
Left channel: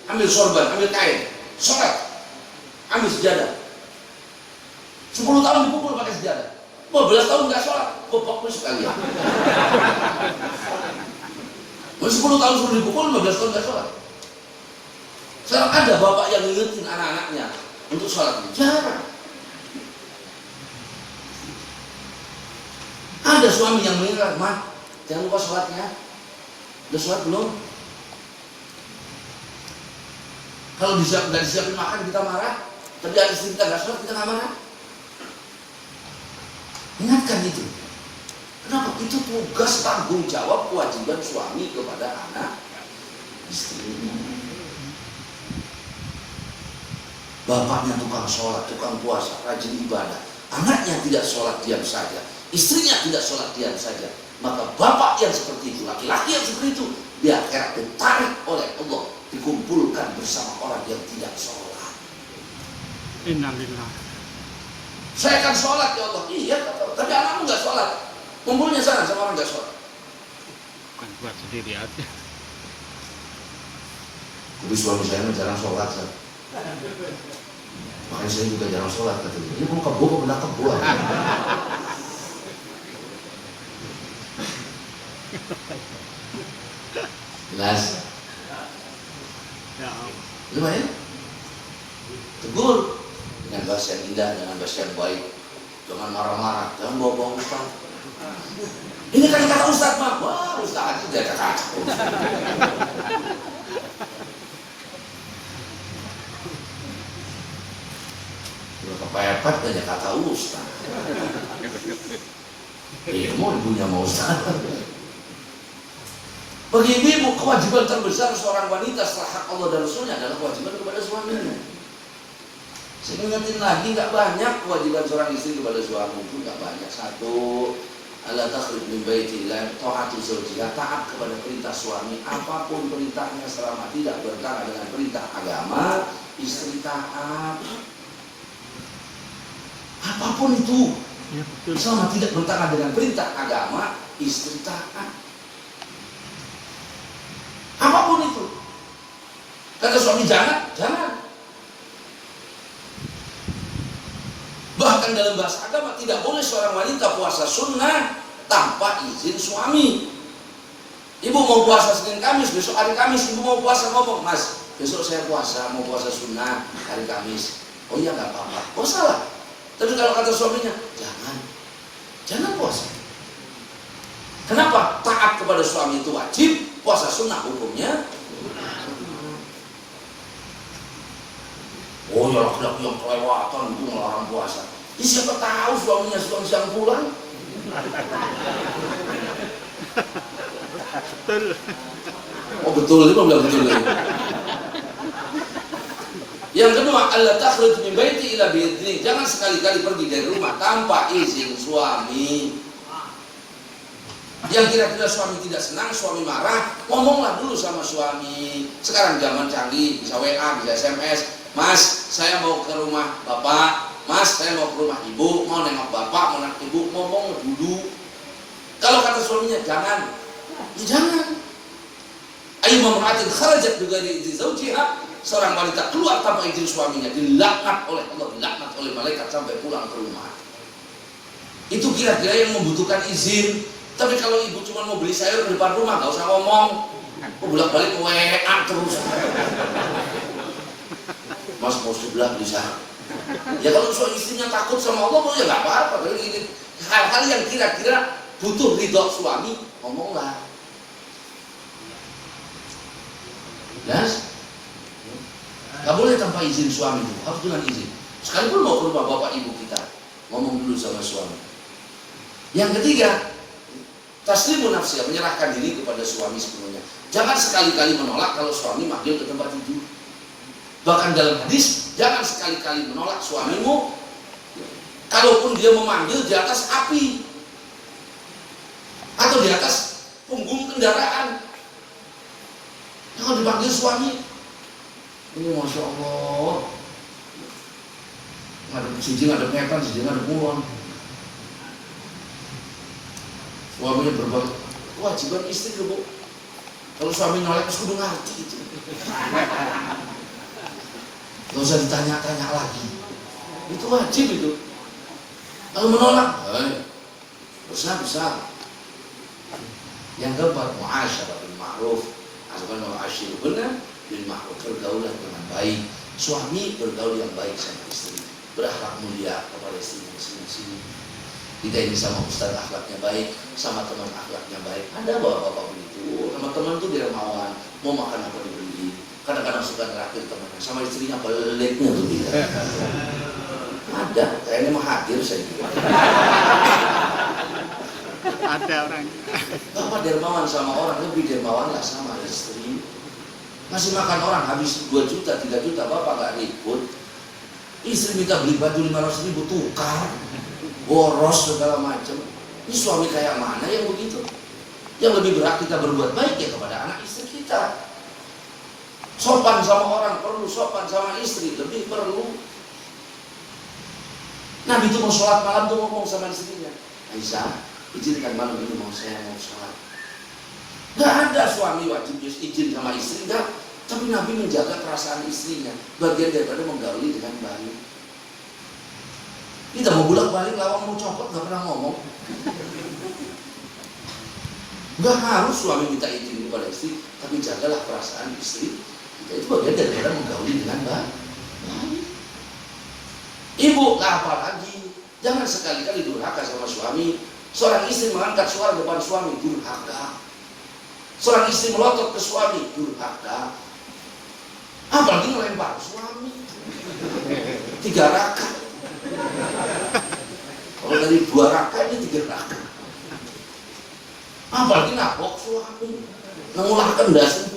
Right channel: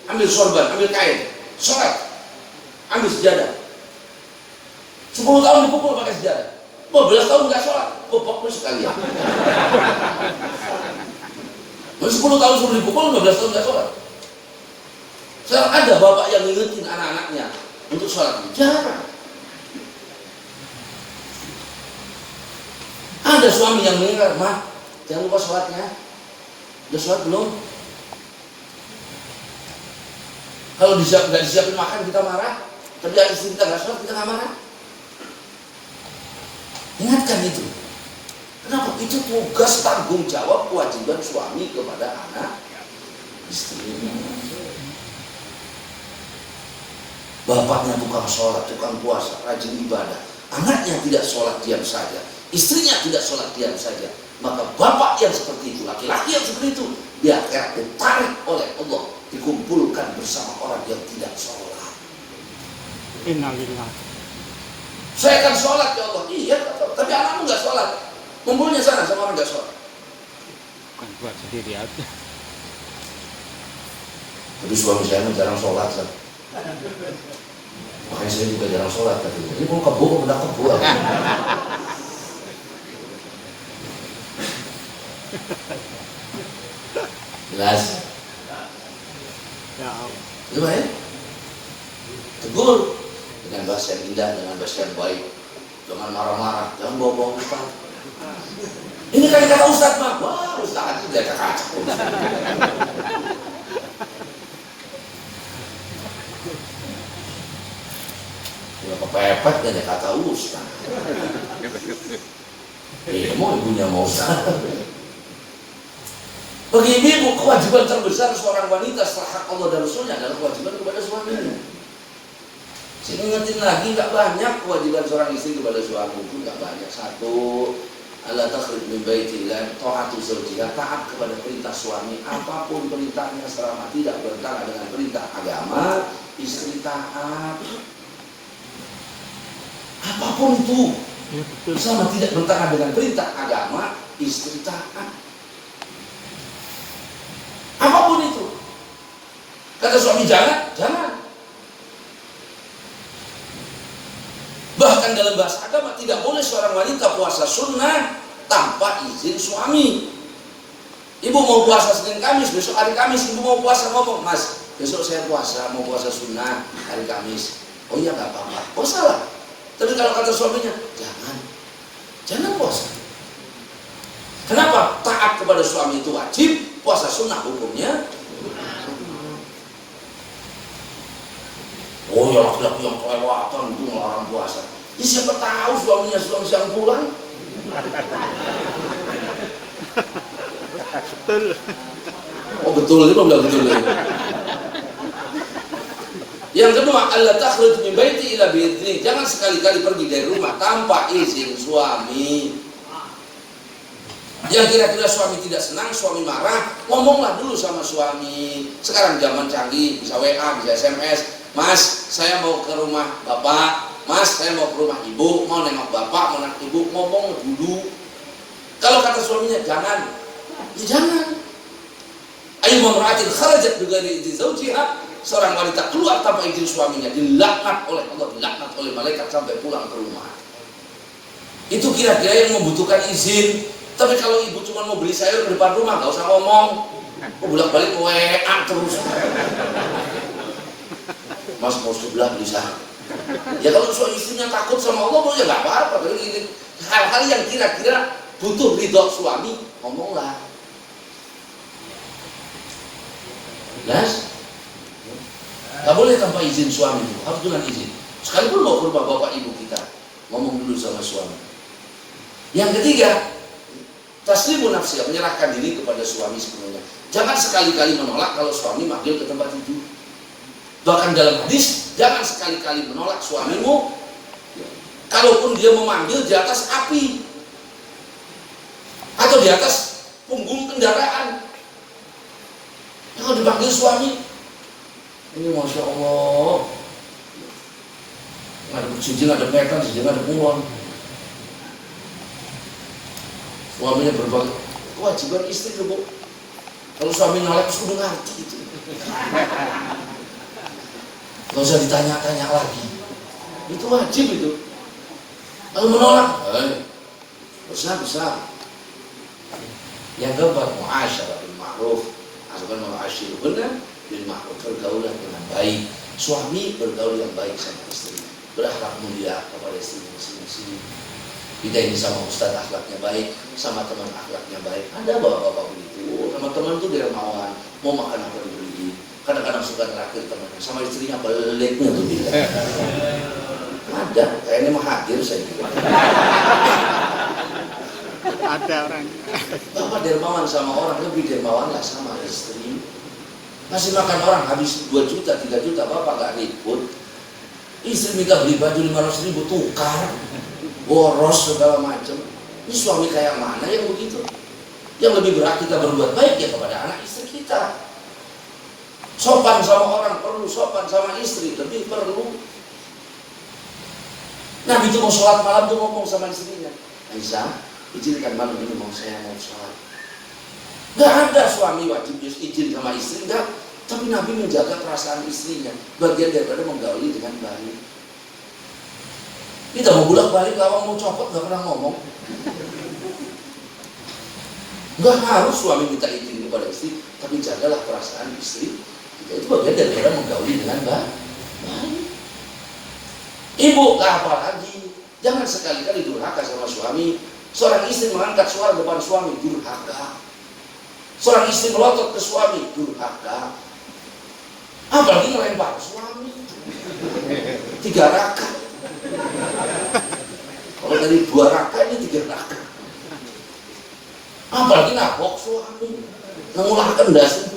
Ambil sorban, ambil kain, sholat. Ambil sejadah. 10 tahun dipukul pakai sejadah. 12 tahun nggak sholat, pokoknya sekalian. 10 tahun suruh dipukul, 15 tahun nggak sholat. Sekarang ada bapak yang ngingetin anak-anaknya untuk sholat. Jarang. Ada suami yang mengingat, "Ma, jangan lupa sholatnya." Udah sholat belum? Kalau nggak disiapin makan kita marah, tapi istri kita nggak sholat kita nggak marah. Ingatkan itu. Kenapa? Itu tugas tanggung jawab kewajiban suami kepada anak istrinya. Bapaknya tukang sholat, tukang puasa, rajin ibadah. Anaknya tidak sholat diam saja. Istrinya tidak sholat diam saja. Maka bapak yang seperti itu, laki-laki yang seperti itu, di akhirat ditarik oleh Allah, dikumpulkan bersama orang yang tidak sholat. Innalillah. Saya akan sholat ya Allah. Iya, tapi anakmu nggak sholat. Kumpulnya sana sama orang nggak sholat. Buat sendiri aja. Tapi suami saya jarang sholat kan. Makanya saya juga jarang sholat katanya. Ini mau kebo, kok benar kebo. Jelas. Ya. Gimana ya? Tegur dengan bahasa yang indah, dengan bahasa yang baik. Jangan marah-marah, jangan bawa-bawa umpan. Ini kan kata Ustaz mah. Wah, Ustaz itu jaga kaca. Udah kepepet aja kata Ustaz. Mau ibunya mau Ustaz. Bagi ibu, kewajiban terbesar seorang wanita setelah hak Allah dan Rasulnya adalah kewajiban kepada suaminya. Saya ingetin lagi, nggak banyak kewajiban seorang istri kepada suami itu, nggak banyak. Satu, ala takhruj min baitillah ta'atu zawjiha, taat kepada perintah suami, apapun perintahnya selama tidak bertentangan dengan perintah agama, istri taat. Apapun itu, Ya, betul. selama tidak bertentangan dengan perintah agama, istri taat. Apapun itu. Kata suami jangan, jangan. Bahkan dalam bahasa agama tidak boleh seorang wanita puasa sunnah tanpa izin suami. Ibu mau puasa Senin Kamis, besok hari Kamis ibu mau puasa, ngomong, "Mas, besok saya puasa, mau puasa sunnah hari Kamis." Oh iya nggak apa-apa. Oh salah. Tapi kalau kata suaminya, jangan puasa. suami itu wajib, puasa sunnah hukumnya. Oh ya laki-laki yang kelewatan itu melarang puasa. Ini siapa tahu suaminya siang-siang pulang. Betul. Oh betul, ini bilang betul. Yang kedua, Allah takhruj min baiti illa bi'idznih. Jangan sekali-kali pergi dari rumah tanpa izin suami. Yang kira-kira suami tidak senang, suami marah, ngomonglah dulu sama suami. Sekarang zaman canggih, bisa WA, bisa SMS. Mas, saya mau ke rumah bapak. Mas, saya mau ke rumah ibu, mau nengok bapak, mau nengok ibu, ngomong dulu. Kalau kata suaminya jangan, ya jangan. Ayu memperhatikan kharajat juga di zaujiha, seorang wanita keluar tanpa izin suaminya, dilaknat oleh Allah, dilaknat oleh malaikat sampai pulang ke rumah. Itu kira-kira yang membutuhkan izin. Tapi kalau ibu cuma mau beli sayur ke depan rumah, gak usah ngomong. Bolak-balik WA terus. Mas mau sebelah bisa. Ya kalau istrinya takut sama Allah, ya gak apa-apa. Hal-hal yang kira-kira butuh ridho suami, ngomonglah. Jelas? Gak boleh tanpa izin suami itu, harus dengan izin. Sekalipun mau ke rumah bapak ibu kita, ngomong dulu sama suami. Yang ketiga, taslimun nafsi, menyerahkan diri kepada suami sepenuhnya. Jangan sekali-kali menolak kalau suami manggil ke tempat itu. Bahkan dalam hadis, jangan sekali-kali menolak suamimu, kalaupun dia memanggil di atas api atau di atas punggung kendaraan. Jangan dipanggil suami. Ini Masya Allah, ada cincin, ada petan, cincin, ada pulon. Suaminya berbagai kewajiban istri loh, Bu. Kalau suami nyolek, sudah ngerti itu. Gak usah ditanya-tanya lagi. Itu wajib itu. Kalau menolak, besar. Yang keempat, mu'asyarah bil ma'ruf. Asal mu'asyiruna bil ma'ruf, bergaulah dengan baik. Suami bergaul yang baik sama istri, berakhlak mulia kepada istri masing-masing. Kita ini sama ustaz akhlaknya baik, sama teman akhlaknya baik. Ada bapak-bapak begitu, sama teman tuh dermawan, mau makan apa dibeli. Kadang-kadang suka ngeraktir temannya, sama istrinya peliknya tuh dia. Ada, kayaknya mah hadir saya kira. Ada orang. Bapak dermawan sama orang, lebih dermawan lah sama istri. Masih makan orang habis 2 juta, 3 juta, bapak gak ribut. Istri minta beli baju 500.000, tukar, boros segala macam. Ini suami kayak mana yang begitu? Yang lebih berat kita berbuat baik ya kepada anak istri kita. Sopan sama orang perlu, sopan sama istri lebih perlu. Nabi itu mau sholat malam tuh ngomong sama istrinya, Aisyah, izinkan malam ini saya mau sholat. Gak ada suami wajib izin sama istri, enggak. Tapi Nabi menjaga perasaan istrinya, bagian daripada menggauli dengan baik. Kita mau bolak-balik lawang mau copot gak pernah ngomong. Gak harus suami minta izin kepada istri, tapi jagalah perasaan istri. Kita itu bagian daripada menggauli dengan baik. Ibu, apa lagi? Jangan sekali-kali durhaka sama suami. Seorang istri mengangkat suara depan suami, durhaka. Seorang istri melotot ke suami, durhaka. Apalagi ngelempar suami 3 rakaat. Kalau dari 2 rakaat ini 3 rakaat. Apalagi nabok suami, mengularkan dasi.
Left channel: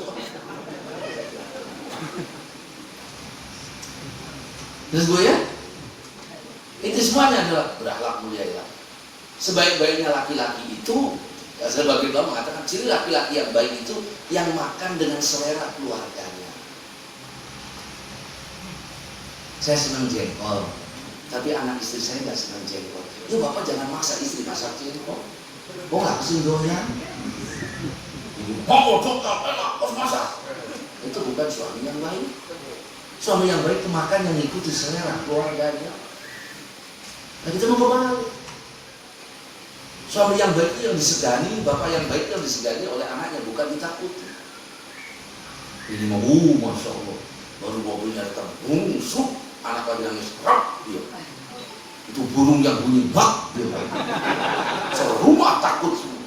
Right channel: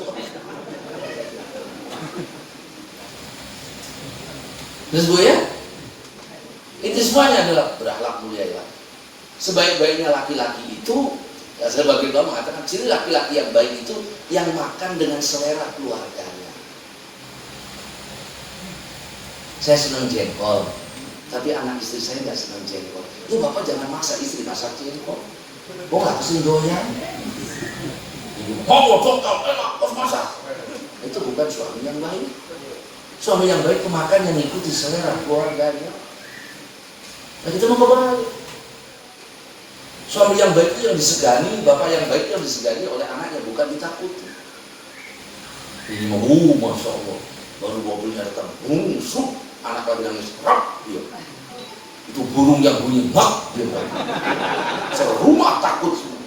Terus gue ya, itu semuanya adalah berakhlak mulia ya. Sebaik-baiknya laki-laki itu, ya, sebagai kamu mengatakan ciri laki-laki yang baik itu yang makan dengan selera keluarganya. Saya senang jengkol, tapi anak istri saya nggak senang jengkol. Itu bapak jangan maksa istri masak jengkol. Kok nggak kesini doyan? Mau jengkol, enak, harus masak. Itu bukan suami yang baik. Suami yang baik pemakan yang mengikuti selera keluarganya. Nah kita mau kembali. Suami yang baik itu yang disegani, bapak yang baik itu yang disegani oleh anaknya, bukan ditakuti. Ini mau, Masya Allah, baru mobilnya datang, sup, anak lagi nangis, rap, dia. Itu burung yang bunyi, bak, dia. Rumah takut semua.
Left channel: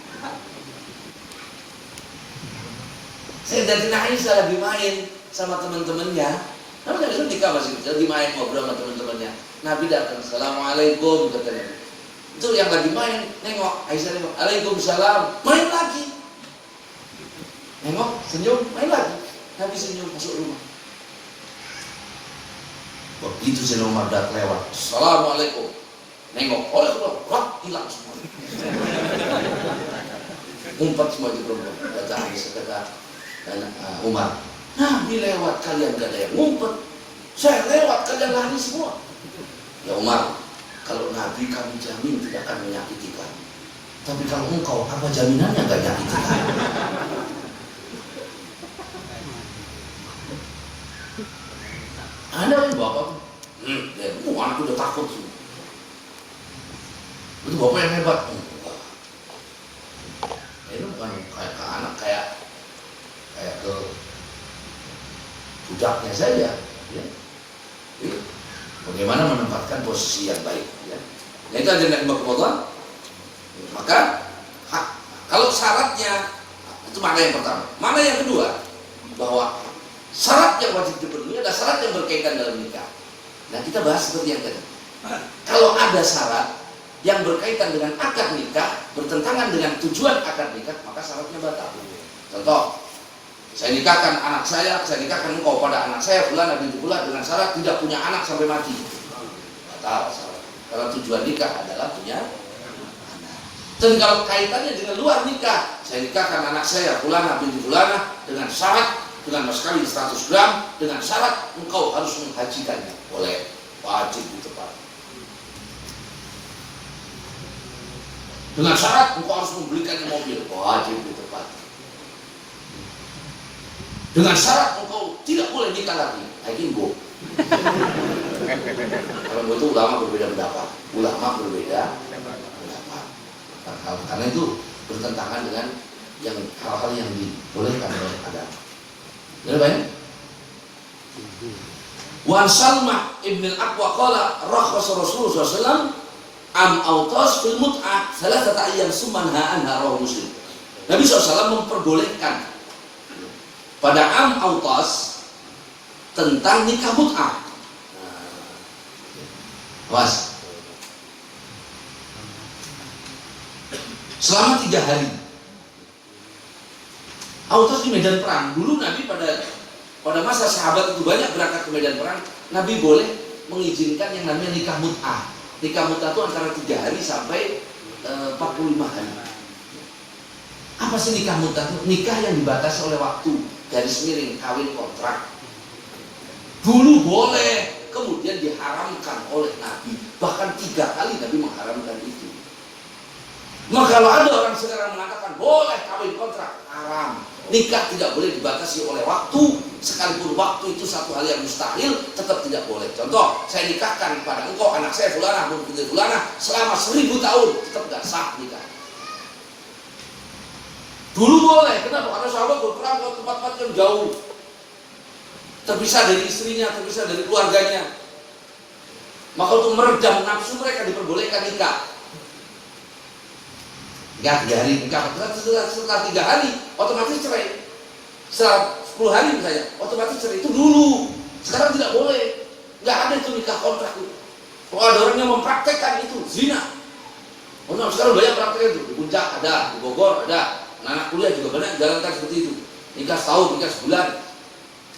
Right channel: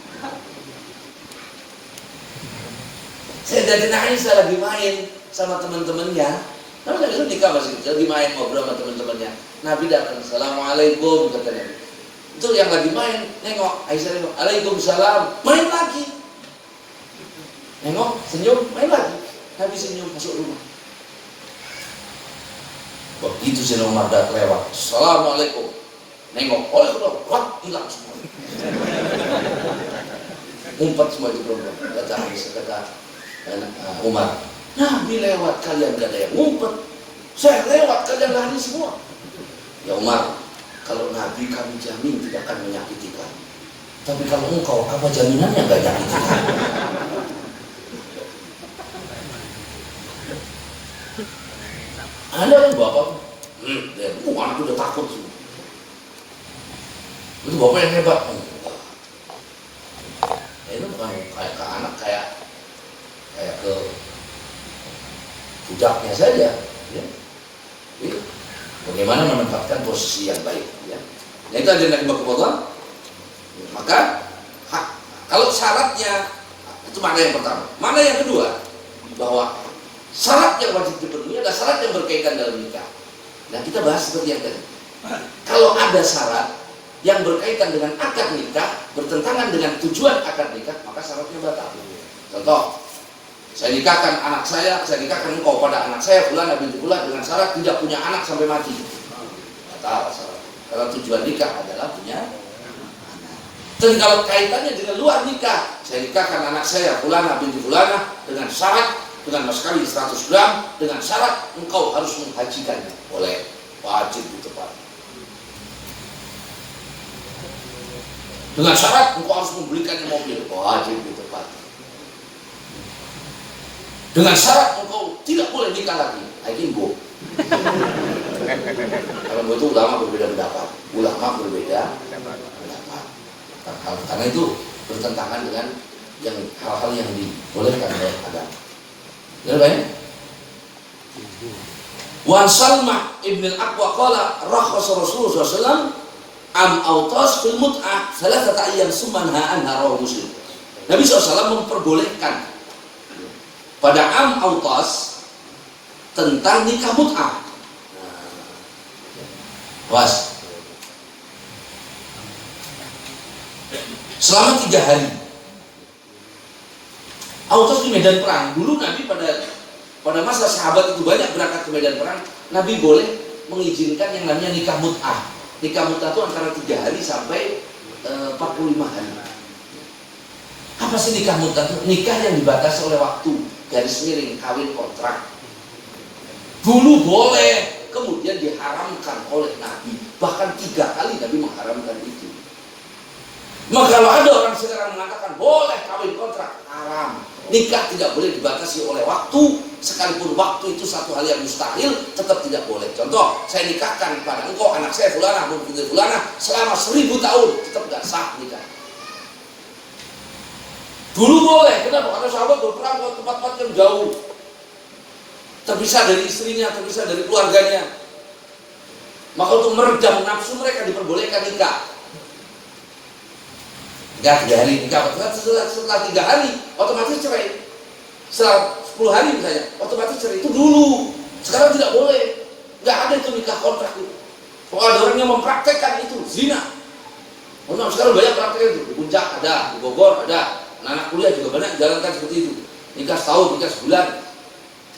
Sayyidatina Aisyah lagi main sama teman-temannya. Nabi itu nikah masih kecil, lagi main ngobrol sama teman-temannya. Nabi datang, assalamualaikum katanya. Itu yang lagi main, nengok Aisyah nengok, waalaikumsalam, main lagi. Nengok, senyum, main lagi. Nabi senyum masuk rumah. Begitu Sayyidina Umar datang lewat, assalamualaikum. Nengok, wah, hilang semua. Ngumpet semua di rumah. Kata Aisyah, kata Umar, Nabi lewat, kalian gak ada yang ngumpet. Saya lewat, kalian lari semua. Ya Umar, kalau Nabi kami jamin tidak akan menyakiti kamu. Tapi kalau engkau, apa jaminannya gak nyakiti kamu? Ada kan bapak tuh, anak udah takut semua. Itu bapak yang hebat. Itu bukan kayak ke anak, kayak ke budaknya saja. Ya. Jadi, bagaimana menempatkan posisi yang baik. Ya. Nah itu ada yang Allah. Maka kalau syaratnya, itu makna yang pertama. Makna yang kedua, bahwa syarat yang wajib dipenuhi adalah syarat yang berkaitan dalam nikah. Nah kita bahas seperti yang tadi. Kalau ada syarat yang berkaitan dengan akad nikah, bertentangan dengan tujuan akad nikah, maka syaratnya batal. Contoh, saya nikahkan anak saya nikahkan engkau pada anak saya Fulan binti Fulan dengan syarat tidak punya anak sampai mati. Batal syarat. Karena tujuan nikah adalah punya anak. Dan kalau kaitannya dengan luar nikah, saya nikahkan anak saya Fulan binti Fulan dengan syarat, dengan mas kawin 100 gram, dengan syarat engkau harus menghajikannya. Boleh, wajib ditepati. Dengan syarat engkau harus membelikannya mobil, wajib ditepati. Dengan syarat engkau tidak boleh nikah lagi, bu. Karena itu ulama berbeda pendapat, karena itu bertentangan dengan yang hal-hal yang dibolehkan oleh agama. Ya baik. Wan Salmah ibn al-Aqwa qala rakhasa Rasulullah SAW am autas fil mut'ah salatata ayyam summanha anha rawahu Muslim. Nabi SAW memperbolehkan pada am autas tentang nikah mut'ah. Was. Selama 3 hari. Autas di medan perang. Dulu Nabi pada masa sahabat itu banyak berangkat ke medan perang, Nabi boleh mengizinkan yang namanya nikah mut'ah. Nikah mut'ah itu antara 3 hari sampai 45 hari. Apa sih nikah mut'ah itu? Nikah yang dibatasi oleh waktu, garis miring, kawin kontrak. Dulu boleh, kemudian diharamkan oleh Nabi. Bahkan 3 kali Nabi mengharamkan itu. Maka kalau ada orang sekarang mengatakan boleh kawin kontrak, haram. Nikah tidak boleh dibatasi oleh waktu, sekalipun waktu itu satu hal yang mustahil, tetap tidak boleh. Contoh, saya nikahkan pada engkau anak saya Fulanah binti Fulanah selama 1000 tahun, tetap tidak sah nikah. Dulu boleh, kenapa? Karena sahabat berperang ke tempat-tempat yang jauh, terpisah dari istrinya, terpisah dari keluarganya. Maka untuk meredam nafsu mereka diperbolehkan nikah. Enggak 3 hari nikah, setelah 3 hari otomatis cerai. Setelah 10 hari misalnya, otomatis cerai. Itu dulu. Sekarang tidak boleh. Enggak ada itu nikah kontrak itu. Kalau ada orang yang mempraktekkan itu, zina. Sekarang banyak praktek itu. Di Puncak ada, di Bogor ada, anak kuliah juga banyak jalankan seperti itu. Nikah setahun, nikah sebulan.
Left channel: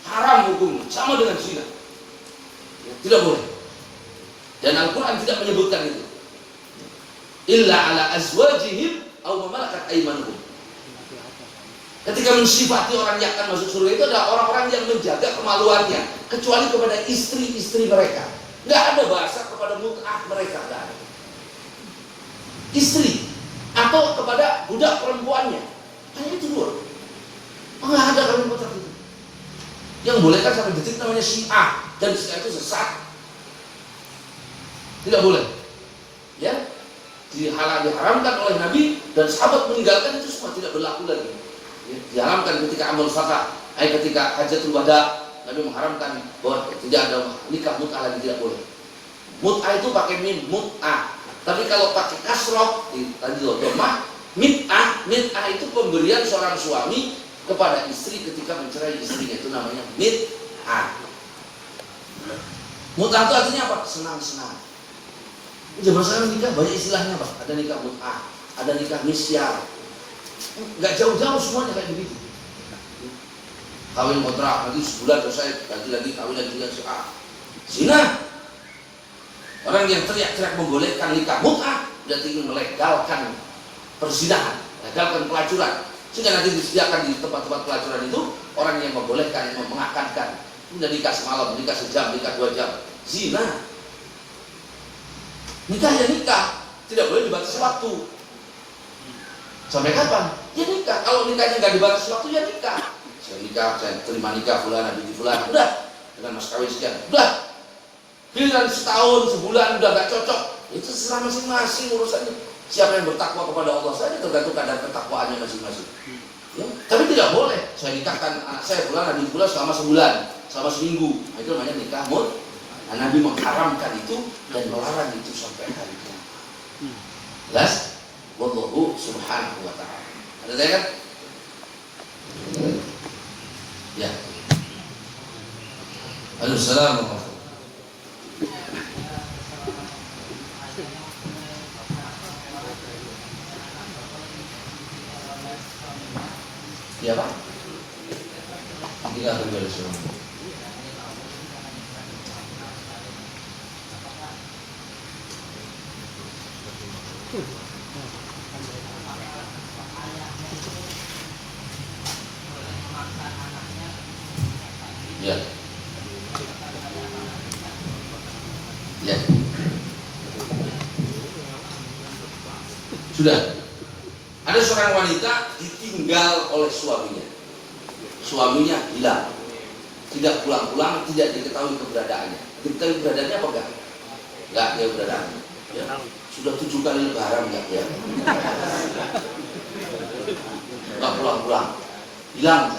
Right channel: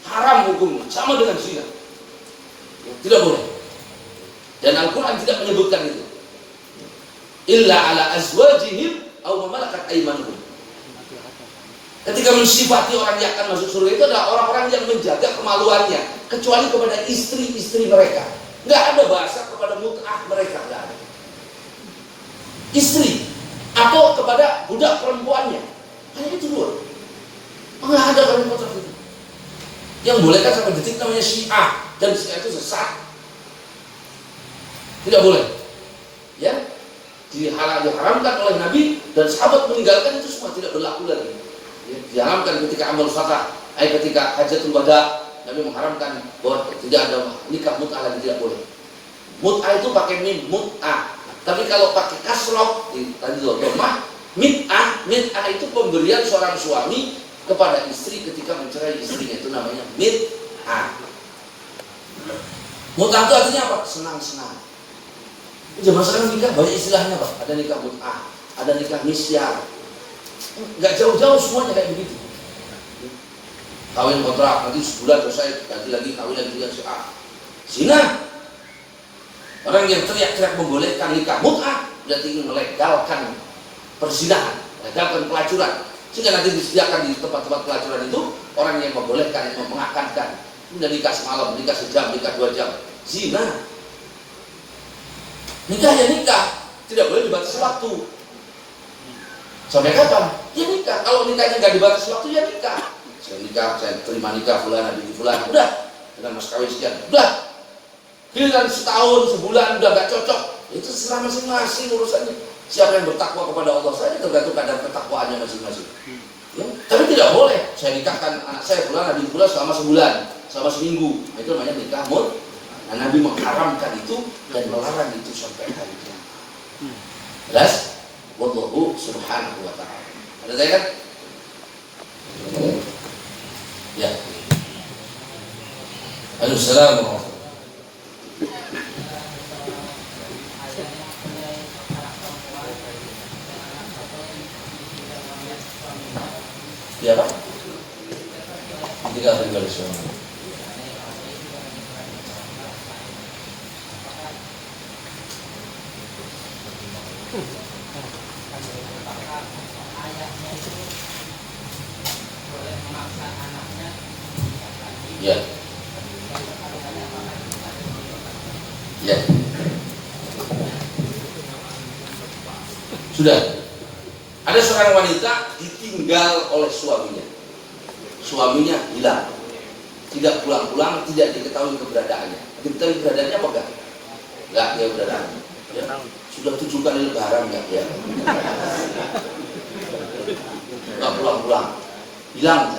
Haram hukumnya, sama dengan zina. Ya, tidak boleh. Dan Al-Quran tidak menyebutkan itu. Illa ala azwajihim aw malakat aymanuhum. Ketika mensifati orang yang akan masuk surga itu adalah orang-orang yang menjaga kemaluannya, kecuali kepada istri-istri mereka. Nggak ada bahasa kepada mut'ah mereka, nggak ada. Istri atau kepada budak perempuannya, hanya itu dua. Nggak ada kawin kontrak itu. Yang boleh kan sampai detik namanya Syiah, dan Syiah itu sesat. Tidak boleh. Ya, diharamkan oleh Nabi dan sahabat meninggalkan itu semua tidak berlaku lagi. Ya, diharamkan ketika amal fatah, ketika hajatul wada, Nabi mengharamkan bahwa tidak ada nikah mut'ah lagi, tidak boleh. Mut'ah itu pakai mim, mut'ah. Tapi kalau pakai kasroh, tadi loh, mit'ah itu pemberian seorang suami kepada istri ketika mencerai istrinya, itu namanya mit'ah. Mut'ah itu artinya apa? Senang-senang. Zaman sekarang nikah banyak istilahnya Pak. Ada nikah mut'ah, ada nikah misyar. Gak jauh-jauh semuanya kayak begitu. Kawin kontrak, nanti sebulan selesai, ganti lagi kawin lagi dengan si A. Zina. Orang yang teriak-teriak membolehkan nikah mut'ah, berarti ingin melegalkan perzinahan, melegalkan pelacuran. Sehingga nanti disediakan di tempat-tempat pelacuran itu orang yang membolehkan, yang mengakadkan. Udah nikah semalam, nikah sejam, nikah 2 jam. Zina. Nikah ya nikah, tidak boleh dibatasi waktu. Sampai kapan? Ya nikah. Kalau nikahnya nggak dibatasi waktu, ya nikah. Saya nikah, saya terima nikah bulan, habis bulan, udah. Dengan mas kawin sekian, udah. Giliran setahun, sebulan, udah nggak cocok. Itu serah masing-masing urusannya. Siapa yang bertakwa kepada Allah, saya tergantung kadar ketakwaannya masing-masing. Ya? Tapi tidak boleh. Saya nikahkan anak saya bulan, habis bulan selama sebulan, selama seminggu. Nah, itu namanya nikah mut. Nah, Nabi mengharamkan itu dan melarang itu sampai hari kiamat. Jelas? Wallahu subhanahu wa ta'ala. Ada saya kan? Ya. Assalamualaikum. Ya Pak? Ketika terjadi suami. Ya. Ya. Sudah. Ada seorang wanita ditinggal oleh suaminya. Suaminya hilang. Tidak pulang-pulang, tidak diketahui keberadaannya. Diketahui keberadaannya apa enggak? Enggak ada keberadaannya. Ya. Sudah 7 kali lebaran enggak ya? Enggak pulang-pulang. Hilang.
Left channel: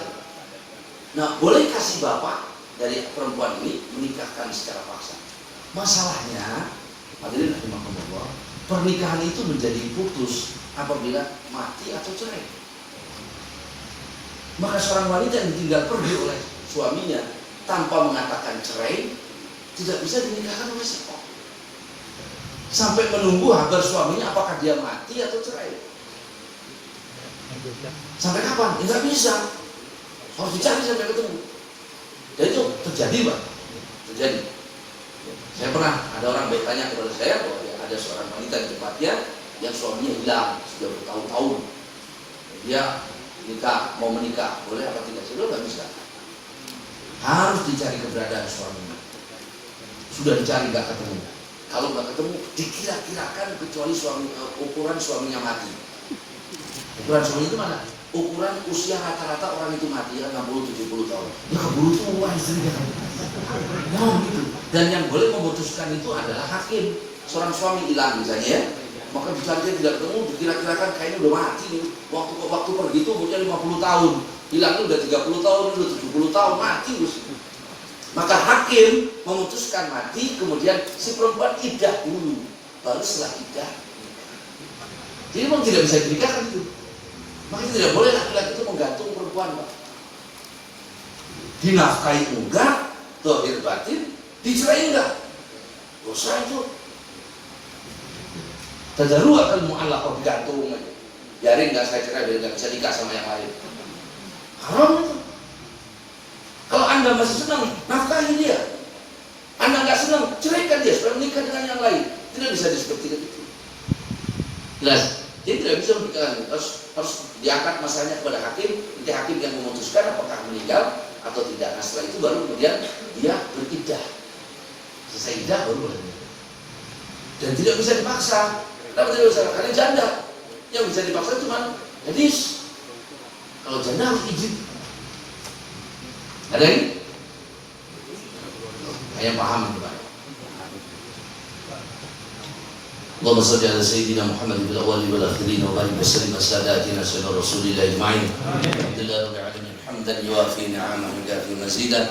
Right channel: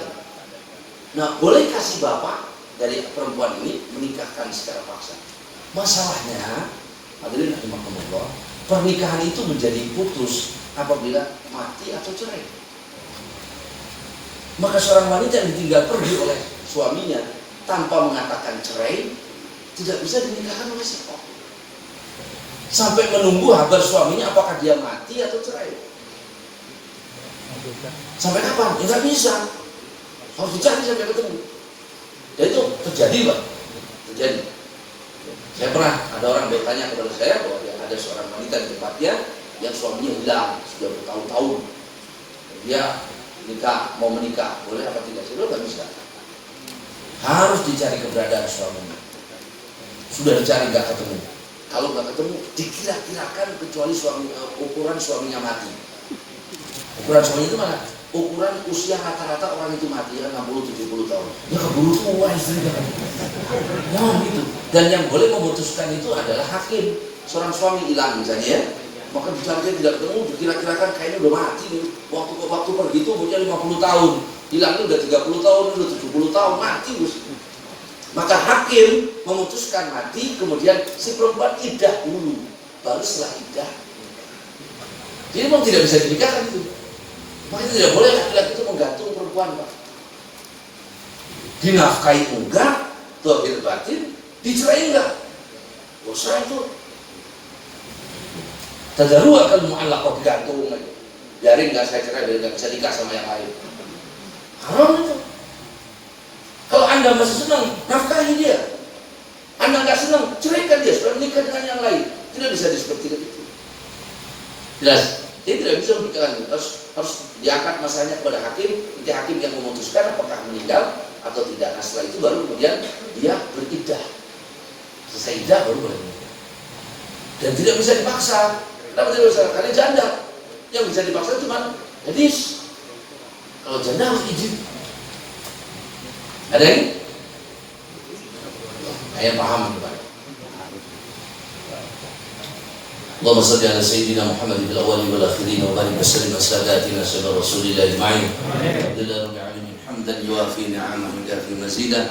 Nah, boleh kasih bapak dari perempuan ini menikahkan secara paksa. Masalahnya, hadirin rahimakumullah, pernikahan itu menjadi putus apabila mati atau cerai. Maka seorang wanita yang ditinggal pergi oleh suaminya tanpa mengatakan cerai tidak bisa dinikahkan oleh siapa. Sampai menunggu kabar suaminya apakah dia mati atau cerai. Sampai kapan? Tidak bisa. Harus dicari sampai ketemu. Dan itu terjadi Pak. Terjadi. Saya pernah ada orang bertanya kepada saya bahwa ada seorang wanita di tempatnya yang suaminya hilang sudah bertahun-tahun. Dia mau menikah, boleh apa tidak? Saya bilang nggak bisa. Harus dicari keberadaan suaminya. Sudah dicari nggak ketemu. Kalau nggak ketemu, dikira-kirakan kecuali ukuran suaminya mati. Ukuran suaminya itu mana? Ukuran usia rata-rata orang itu mati kan 60-70 tahun. Ya keburu tua istrinya kan. Nah gitu. Dan yang boleh memutuskan itu adalah hakim. Seorang suami hilang misalnya ya. Maka dicari tidak ketemu, dikira-kirakan kayaknya udah mati nih. Waktu pergi itu umurnya 50 tahun. Hilangnya udah 30 tahun, udah 70 tahun, mati. Maka hakim memutuskan mati, kemudian si perempuan iddah dulu. Baru setelah iddah. Jadi memang tidak bisa dinikahkan itu. Makanya tidak boleh laki-laki itu menggantung perempuan Pak. Dinafkahi enggak, zahir batin, dicerai enggak. Dosa itu. Tadarua kalau mu'allaqah gantung aja. Jaring enggak saya cerai, enggak bisa nikah sama yang lain. Haram itu. Kalau Anda masih senang, nafkahi dia. Anda enggak senang, ceraikan dia, sudah menikah dengan yang lain. Tidak bisa disebut itu. Jelas. Dia tidak bisa berjalan, harus diangkat masalahnya kepada hakim, nanti hakim yang memutuskan apakah meninggal atau tidak. Nah setelah itu baru kemudian dia beriddah. Selesai iddah baru boleh menikah. Dan tidak bisa dipaksa. Kenapa tidak bisa? Karena janda. Yang bisa dipaksa cuma gadis. Kalau janda harus izin. Ada ini? Saya paham Pak. اللهم صل على سيدنا محمد في الاولين والاخرين وبارك وسلم على ساداتنا سيدنا رسول الله اجمعين. الحمد لله رب العالمين حمدا يوافي نعمه ويكافئ مزيدا.